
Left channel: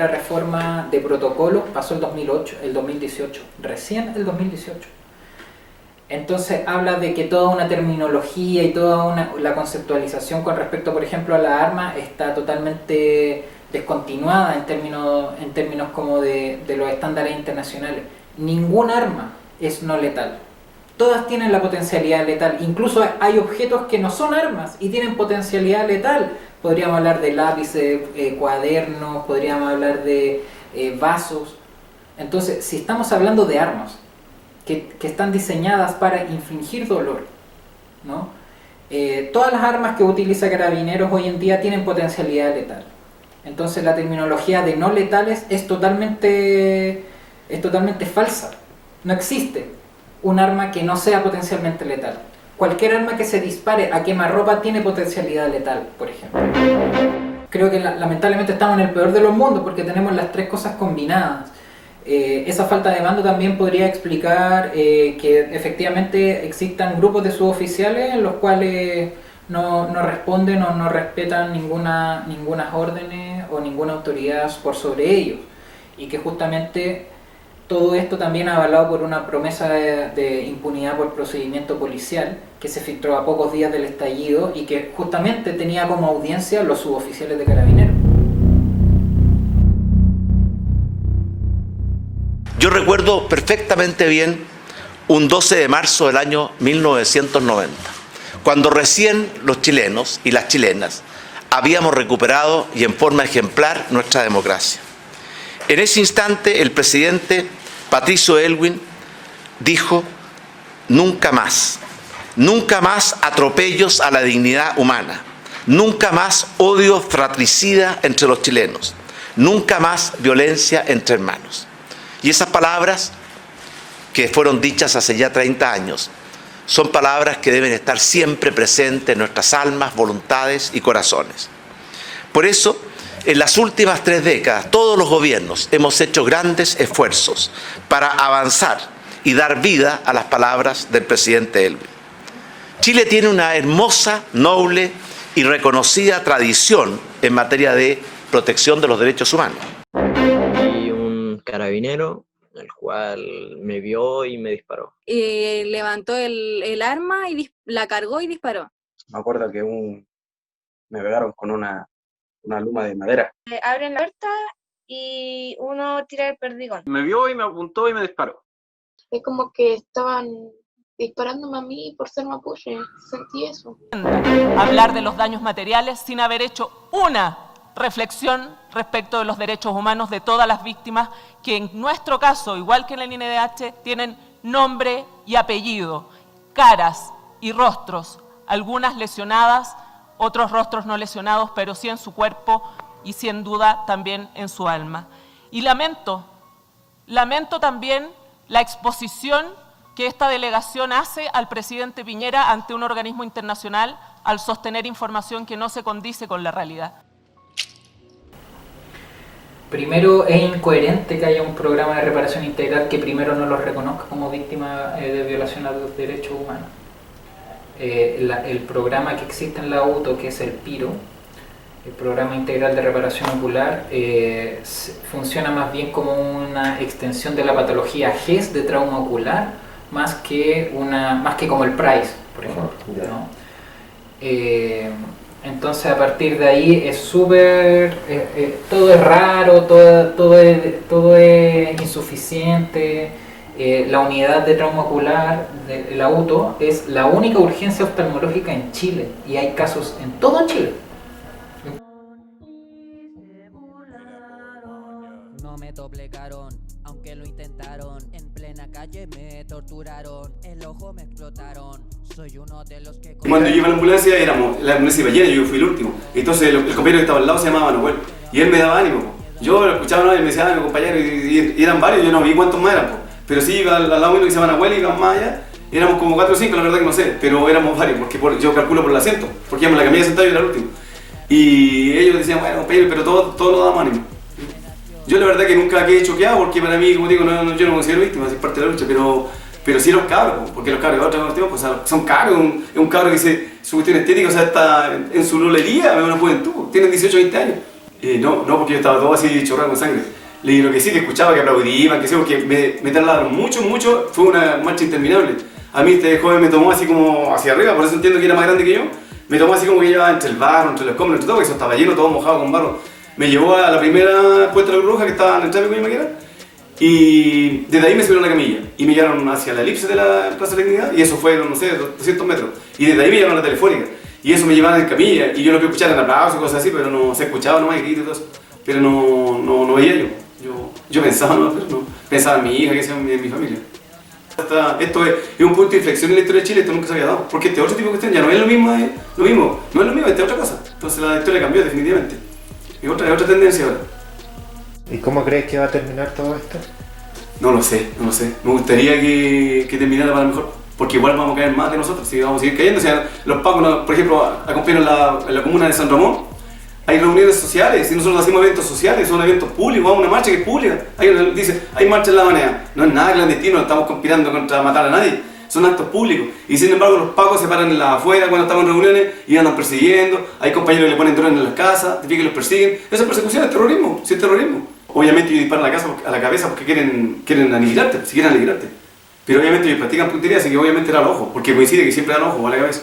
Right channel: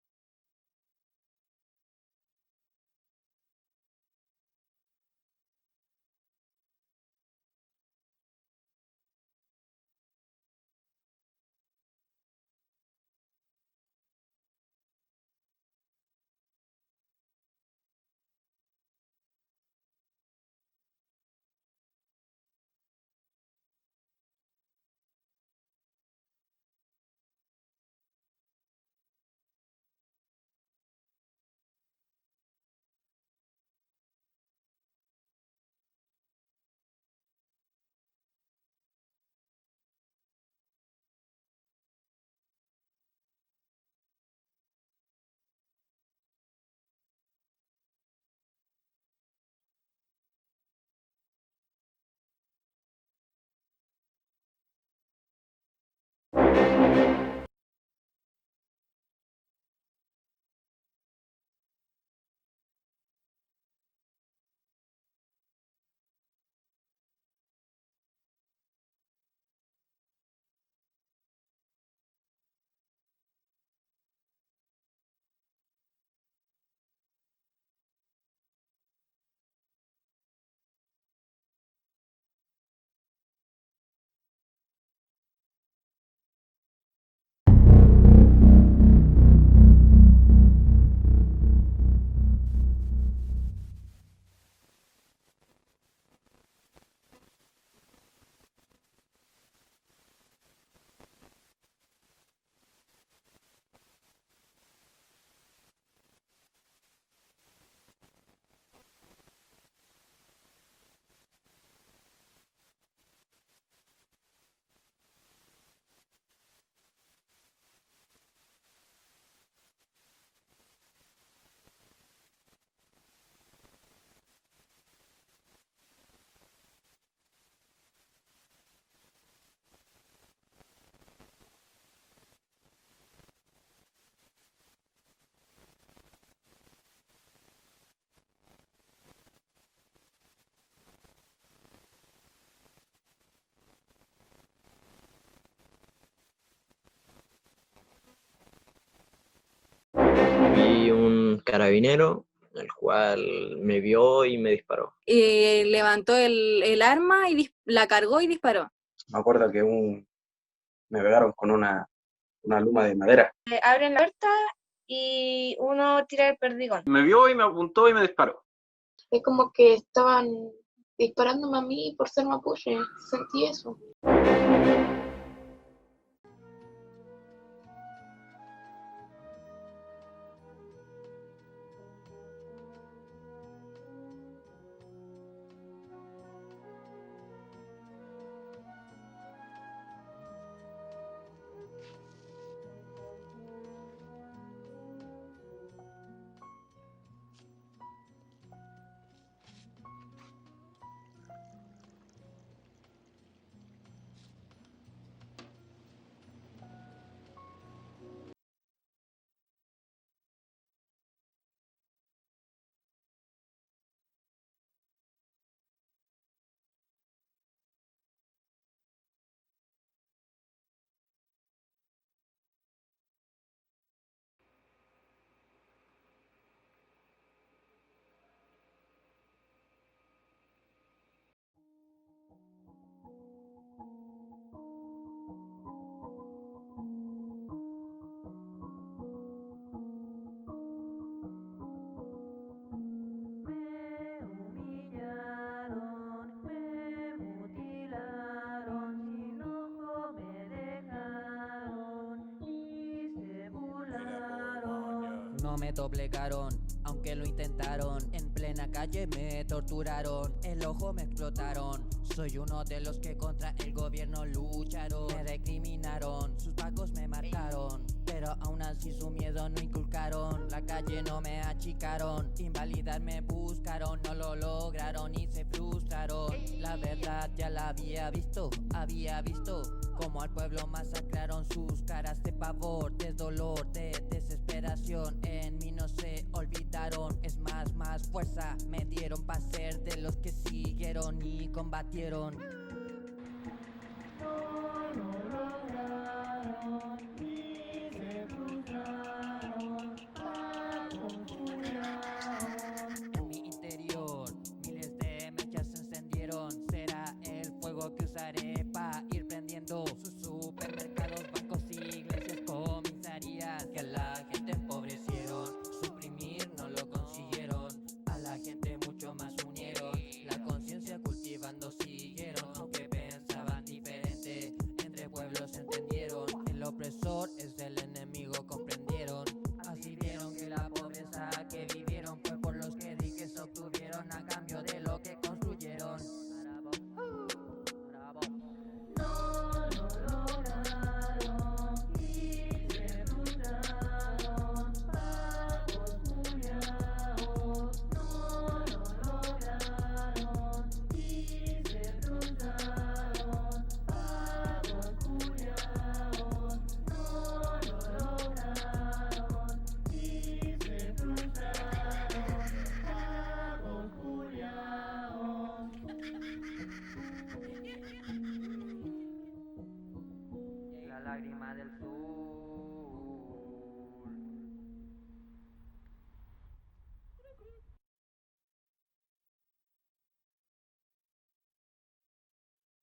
reforma de protocolo pasó el 2018, recién el 2018. Entonces habla de que toda una terminología y toda la conceptualización con respecto, por ejemplo, a la arma está totalmente descontinuada en términos como de los estándares internacionales. Ningún arma es no letal. Todas tienen la potencialidad letal. Incluso hay objetos que no son armas y tienen potencialidad letal. Podríamos hablar de lápices, cuadernos, podríamos hablar de vasos. Entonces, si estamos hablando de armas que están diseñadas para infligir dolor, ¿no? Todas las armas que utiliza Carabineros hoy en día tienen potencialidad letal. Entonces la terminología de no letales es totalmente falsa. No existe un arma que no sea potencialmente letal. Cualquier arma que se dispare a quemarropa tiene potencialidad letal, por ejemplo. Creo que lamentablemente estamos en el peor de los mundos porque tenemos las tres cosas combinadas. Esa falta de mando también podría explicar que efectivamente existan grupos de suboficiales en los cuales no responden o no respetan ninguna órdenes o ninguna autoridad por sobre ellos, y que justamente todo esto también avalado por una promesa de impunidad por procedimiento policial que se filtró a pocos días del estallido y que justamente tenía como audiencia los suboficiales de Carabineros. Yo recuerdo perfectamente bien un 12 de marzo del año 1990, cuando recién los chilenos y las chilenas habíamos recuperado y en forma ejemplar nuestra democracia. En ese instante el presidente Patricio Aylwin dijo: nunca más atropellos a la dignidad humana, nunca más odio fratricida entre los chilenos, nunca más violencia entre hermanos. Y esas palabras, que fueron dichas hace ya 30 años, son palabras que deben estar siempre presentes en nuestras almas, voluntades y corazones. Por eso, en las últimas 3 décadas, todos los gobiernos hemos hecho grandes esfuerzos para avanzar y dar vida a las palabras del presidente Aylwin. Chile tiene una hermosa, noble y reconocida tradición en materia de protección de los derechos humanos. Y un carabinero, el cual me vio y me disparó. Levantó el arma y la cargó y disparó. Me acuerdo que me pegaron con una luma de madera. Abren la puerta y uno tira el perdigón. Me vio y me apuntó y me disparó. Es como que estaban disparándome a mí por ser mapuche, sentí eso. Hablar de los daños materiales sin haber hecho una reflexión respecto de los derechos humanos de todas las víctimas que en nuestro caso, igual que en el INDH, tienen nombre y apellido, caras y rostros, algunas lesionadas, otros rostros no lesionados, pero sí en su cuerpo y sin duda también en su alma. Y lamento también la exposición que esta delegación hace al presidente Piñera ante un organismo internacional al sostener información que no se condice con la realidad. Primero, es incoherente que haya un programa de reparación integral que primero no los reconozca como víctimas de violación a los derechos humanos. El programa que existe en la UTO, que es el PIRO, el Programa Integral de Reparación Ocular, funciona más bien como una extensión de la patología GES de trauma ocular, más que como el PRICE, por ejemplo, ¿no? Entonces, a partir de ahí es súper, todo es raro, todo es insuficiente. La unidad de trauma ocular de la UTO es la única urgencia oftalmológica en Chile, y hay casos en todo Chile. No me doblegaron, aunque lo intentaron. En plena calle me torturaron, el ojo me explotaron. Soy uno de los que... Cuando yo iba a la ambulancia, la ambulancia iba llena, yo fui el último. Entonces el compañero que estaba al lado se llamaba Manuel, y él me daba ánimo. Yo lo escuchaba, ¿no? Y me decía, mi compañero, y eran varios, yo no vi cuántos más eran. Pero sí, iba al lado uno que se llama Manuel y iban más allá. Éramos como 4 o 5, la verdad que no sé, pero éramos varios, porque yo calculo por el acento, porque íbamos en la camilla sentado y yo era el último. Y ellos decían, bueno, compañero, pero todos nos damos ánimo. Yo la verdad que nunca quedé choqueado, porque para mí, como digo, yo no me considero víctima, es parte de la lucha, pero sí los cabros, porque los cabros de otros pues, son cabros, es un cabro que su cuestión estética, o sea, está en su lolería, es una juventud, tienen 18 o 20 años. No, porque yo estaba todo así chorrado con sangre. Lo que sí que escuchaba, que aplaudían, que sí, porque me trasladaron mucho, fue una marcha interminable. A mí este joven me tomó así como hacia arriba, por eso entiendo que era más grande que yo. Me tomó así como que llevaba entre el barro, entre los escombros, entre todo, porque eso estaba lleno, todo mojado con barro. Me llevó a la primera puerta de la Cruz Roja, que estaba en el tráfico y Maquera, y desde ahí me subieron a la camilla y me llevaron hacia la elipse de la Plaza de la Dignidad, y eso fue, no sé, 200 metros, y desde ahí me llevaron a la telefónica, y eso me llevaban en camilla, y yo lo que escuchaba eran aplausos y cosas así, pero no se escuchaba nomás, y gritos y todo eso, pero no veía yo pensaba, pensaba en mi hija, que sea en mi familia. Esto es un punto de inflexión en la historia de Chile, esto nunca se había dado, porque este otro tipo de cuestión ya no es lo mismo, no es lo mismo, esta es otra cosa, entonces la historia cambió definitivamente. Es otra tendencia ahora. ¿Y cómo crees que va a terminar todo esto? No lo sé. Me gustaría que terminara para mejor, porque igual vamos a caer más de nosotros, si vamos a seguir cayendo. O sea, los pacos, por ejemplo, acompañan en la comuna de San Ramón, hay reuniones sociales, y nosotros hacemos eventos sociales, son eventos públicos, vamos a una marcha que es pública. Dice, hay marcha en la manera. No es nada clandestino, no estamos conspirando contra matar a nadie. Son actos públicos, y sin embargo los pacos se paran afuera cuando estamos en reuniones y andan persiguiendo, hay compañeros que le ponen drones en las casas, que los persiguen. Esa persecución es terrorismo, sí es terrorismo. Obviamente ellos disparan a la cabeza porque quieren aniquilarte, si quieren aniquilarte. Pero obviamente ellos practican puntería, así que obviamente era al ojo, porque coincide que siempre dan al ojo o a la cabeza.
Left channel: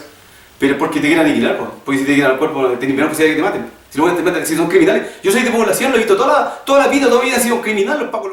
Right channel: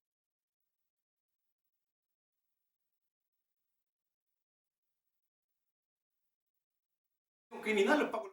Pero porque te quieren aniquilar, porque si te quieren al cuerpo, tienen menos posibilidad de que te maten. Si no te matan, si son criminales. Yo soy de población, lo he visto toda la vida, todavía han sido criminales los pacos.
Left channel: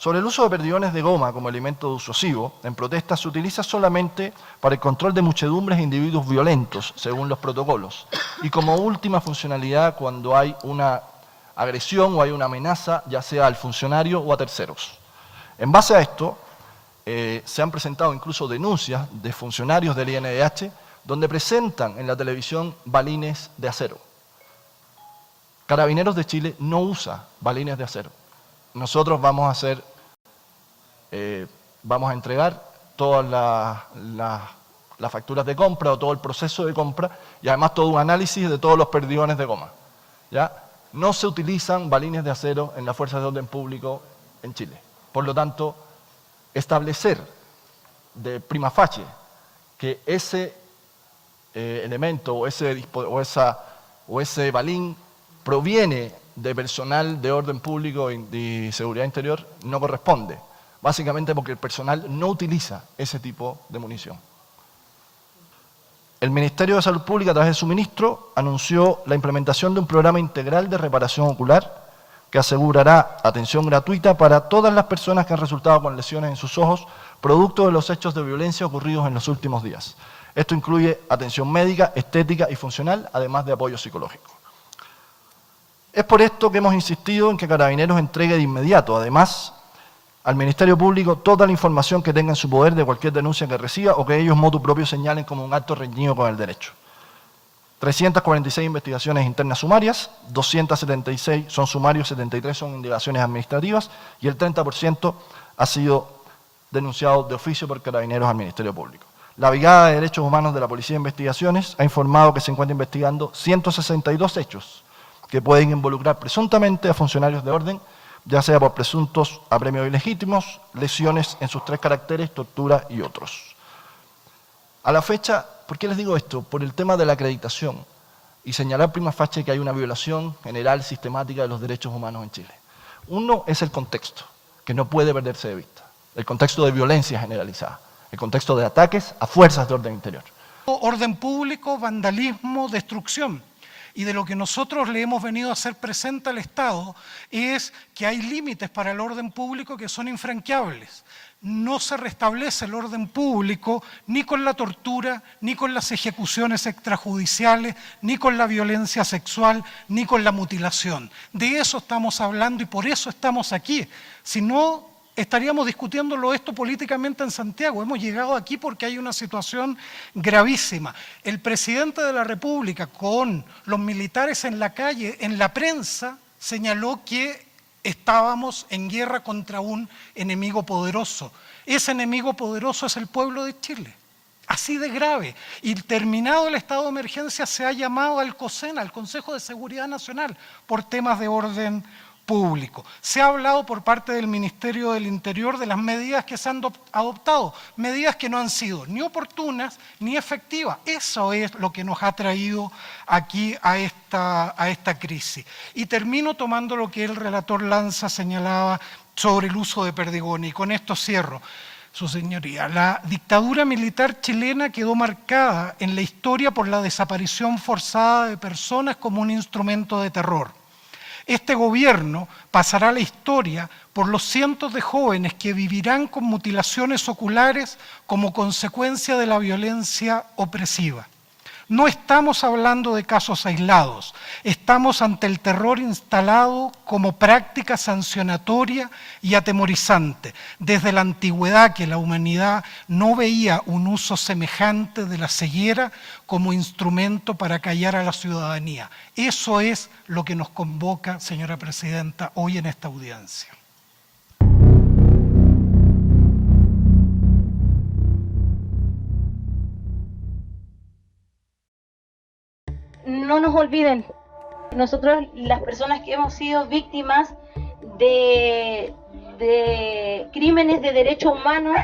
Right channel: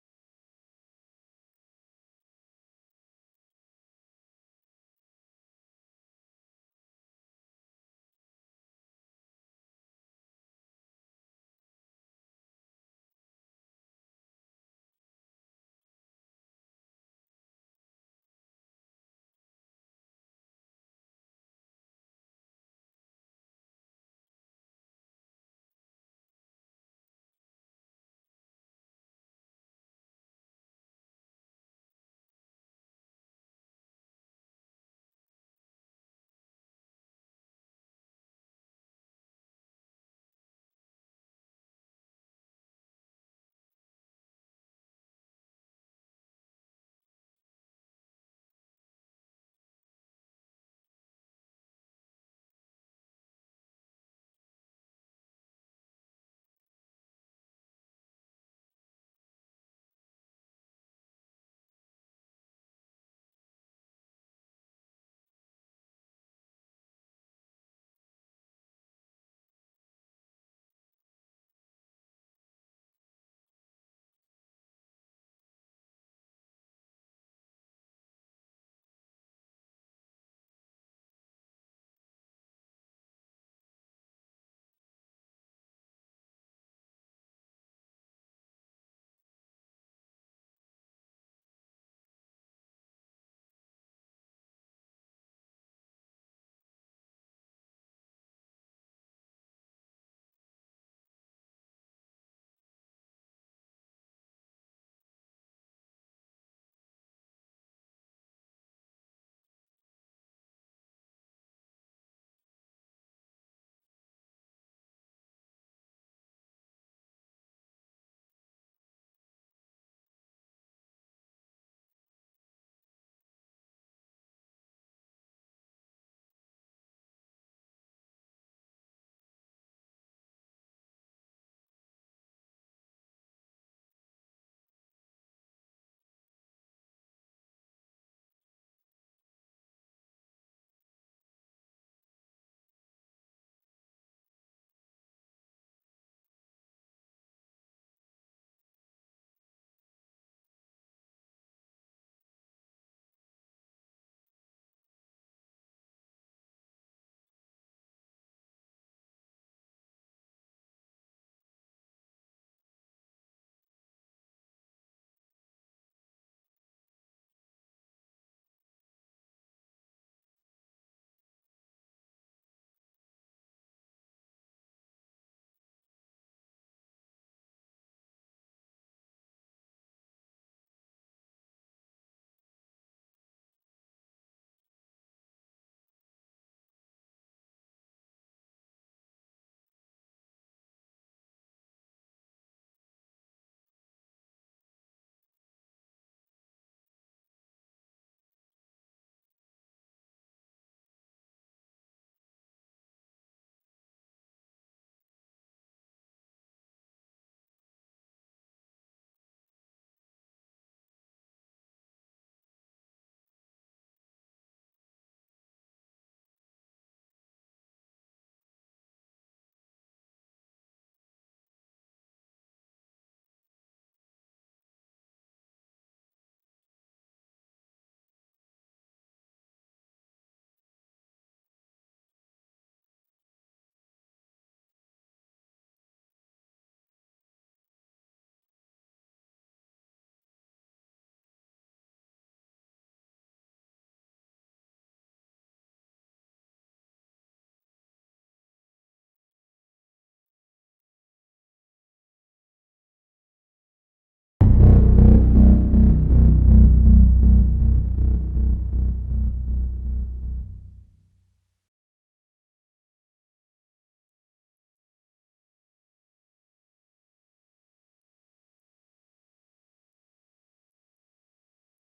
Sobre el uso de perdigones de goma como elemento disuasivo, en protesta se utiliza solamente para el control de muchedumbres e individuos violentos, según los protocolos, y como última funcionalidad cuando hay una agresión o hay una amenaza, ya sea al funcionario o a terceros. En base a esto, se han presentado incluso denuncias de funcionarios del INDH donde presentan en la televisión balines de acero. Carabineros de Chile no usa balines de acero. Nosotros vamos a entregar todas las facturas de compra o todo el proceso de compra y además todo un análisis de todos los perdigones de goma. ¿Ya? No se utilizan balines de acero en las fuerzas de orden público en Chile. Por lo tanto, establecer de prima facie que ese elemento o ese balín proviene de personal de orden público y de seguridad interior no corresponde, básicamente porque el personal no utiliza ese tipo de munición. El Ministerio de Salud Pública, a través de su ministro, anunció la implementación de un programa integral de reparación ocular que asegurará atención gratuita para todas las personas que han resultado con lesiones en sus ojos, producto de los hechos de violencia ocurridos en los últimos días. Esto incluye atención médica, estética y funcional, además de apoyo psicológico. Es por esto que hemos insistido en que Carabineros entregue de inmediato, además, al Ministerio Público toda la información que tenga en su poder de cualquier denuncia que reciba o que ellos motu propio señalen como un acto reñido con el derecho. 346 investigaciones internas sumarias, 276 son sumarios, 73 son indagaciones administrativas y el 30% ha sido denunciado de oficio por Carabineros al Ministerio Público. La Brigada de Derechos Humanos de la Policía de Investigaciones ha informado que se encuentra investigando 162 hechos que pueden involucrar presuntamente a funcionarios de orden, ya sea por presuntos apremios ilegítimos, lesiones en sus 3 caracteres, tortura y otros. A la fecha, ¿por qué les digo esto? Por el tema de la acreditación y señalar prima facie que hay una violación general sistemática de los derechos humanos en Chile. Uno es el contexto, que no puede perderse de vista, el contexto de violencia generalizada, el contexto de ataques a fuerzas de orden interior. Orden público, vandalismo, destrucción. Y de lo que nosotros le hemos venido a hacer presente al Estado es que hay límites para el orden público que son infranqueables. No se restablece el orden público ni con la tortura, ni con las ejecuciones extrajudiciales, ni con la violencia sexual, ni con la mutilación. De eso estamos hablando y por eso estamos aquí. Si no, estaríamos discutiéndolo esto políticamente en Santiago. Hemos llegado aquí porque hay una situación gravísima. El presidente de la República, con los militares en la calle, en la prensa, señaló que estábamos en guerra contra un enemigo poderoso. Ese enemigo poderoso es el pueblo de Chile. Así de grave. Y terminado el estado de emergencia se ha llamado al COSEN, al Consejo de Seguridad Nacional, por temas de orden público. Se ha hablado por parte del Ministerio del Interior de las medidas que se han adoptado, medidas que no han sido ni oportunas ni efectivas. Eso es lo que nos ha traído aquí a esta crisis. Y termino tomando lo que el relator Lanza señalaba sobre el uso de perdigones, y con esto cierro. Su señoría, la dictadura militar chilena quedó marcada en la historia por la desaparición forzada de personas como un instrumento de terror. Este gobierno pasará a la historia por los cientos de jóvenes que vivirán con mutilaciones oculares como consecuencia de la violencia opresiva. No estamos hablando de casos aislados, estamos ante el terror instalado como práctica sancionatoria y atemorizante, desde la antigüedad que la humanidad no veía un uso semejante de la ceguera como instrumento para callar a la ciudadanía. Eso es lo que nos convoca, señora Presidenta, hoy en esta audiencia. No nos olviden, nosotros las personas que hemos sido víctimas de crímenes de derechos humanos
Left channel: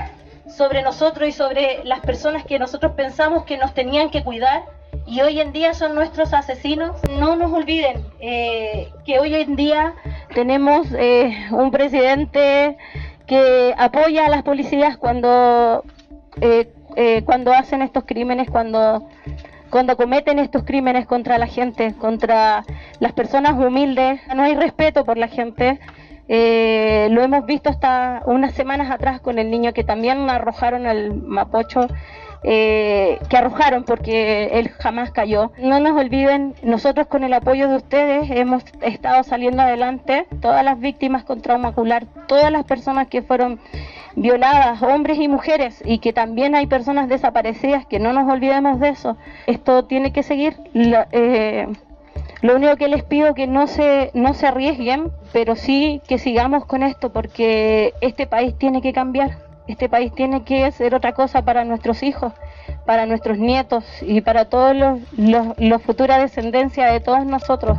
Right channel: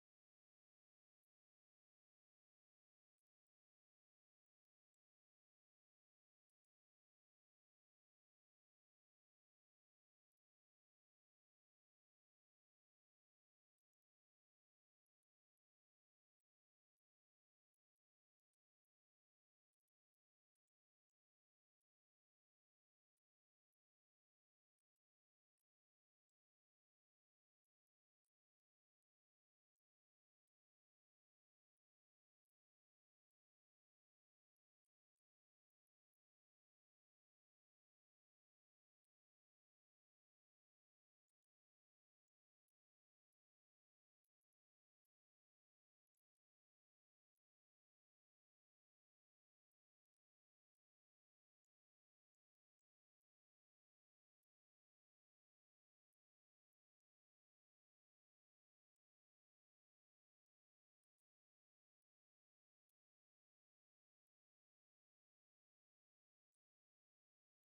sobre nosotros y sobre las personas que nosotros pensamos que nos tenían que cuidar y hoy en día son nuestros asesinos. No nos olviden que hoy en día tenemos un presidente que apoya a las policías cuando hacen estos crímenes, cuando cometen estos crímenes contra la gente, contra las personas humildes. No hay respeto por la gente, Lo hemos visto hasta unas semanas atrás con el niño que también arrojaron al Mapocho, que arrojaron porque él jamás cayó. No nos olviden, nosotros con el apoyo de ustedes hemos estado saliendo adelante, todas las víctimas con trauma ocular, todas las personas que fueron violadas, hombres y mujeres, y que también hay personas desaparecidas, que no nos olvidemos de eso. Esto tiene que seguir. Lo único que les pido es que no se arriesguen, pero sí que sigamos con esto, porque este país tiene que cambiar. Este país tiene que ser otra cosa para nuestros hijos, para nuestros nietos y para todos los futura descendencia de todos nosotros.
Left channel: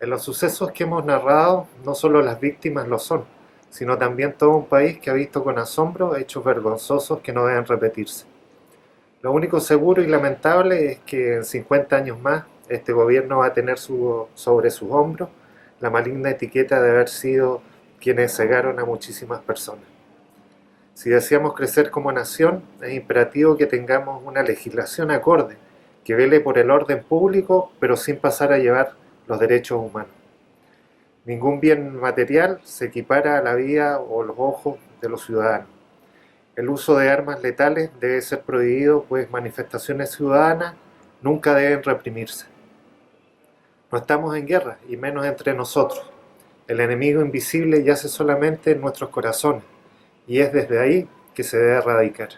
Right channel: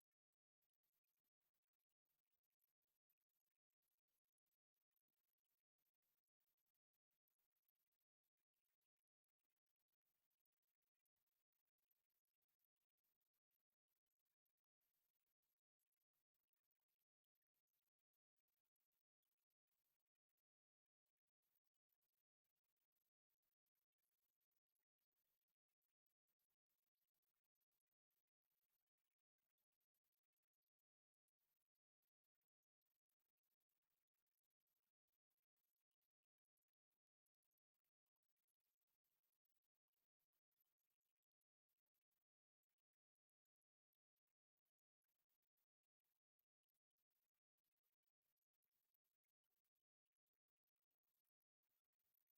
En los sucesos que hemos narrado, no solo las víctimas lo son, sino también todo un país que ha visto con asombro hechos vergonzosos que no deben repetirse. Lo único seguro y lamentable es que en 50 años más este gobierno va a tener sobre sus hombros la maligna etiqueta de haber sido quienes cegaron a muchísimas personas. Si deseamos crecer como nación, es imperativo que tengamos una legislación acorde, que vele por el orden público, pero sin pasar a llevar los derechos humanos. Ningún bien material se equipara a la vida o los ojos de los ciudadanos. El uso de armas letales debe ser prohibido, pues manifestaciones ciudadanas nunca deben reprimirse. No estamos en guerra, y menos entre nosotros. El enemigo invisible yace solamente en nuestros corazones, y es desde ahí que se debe erradicar.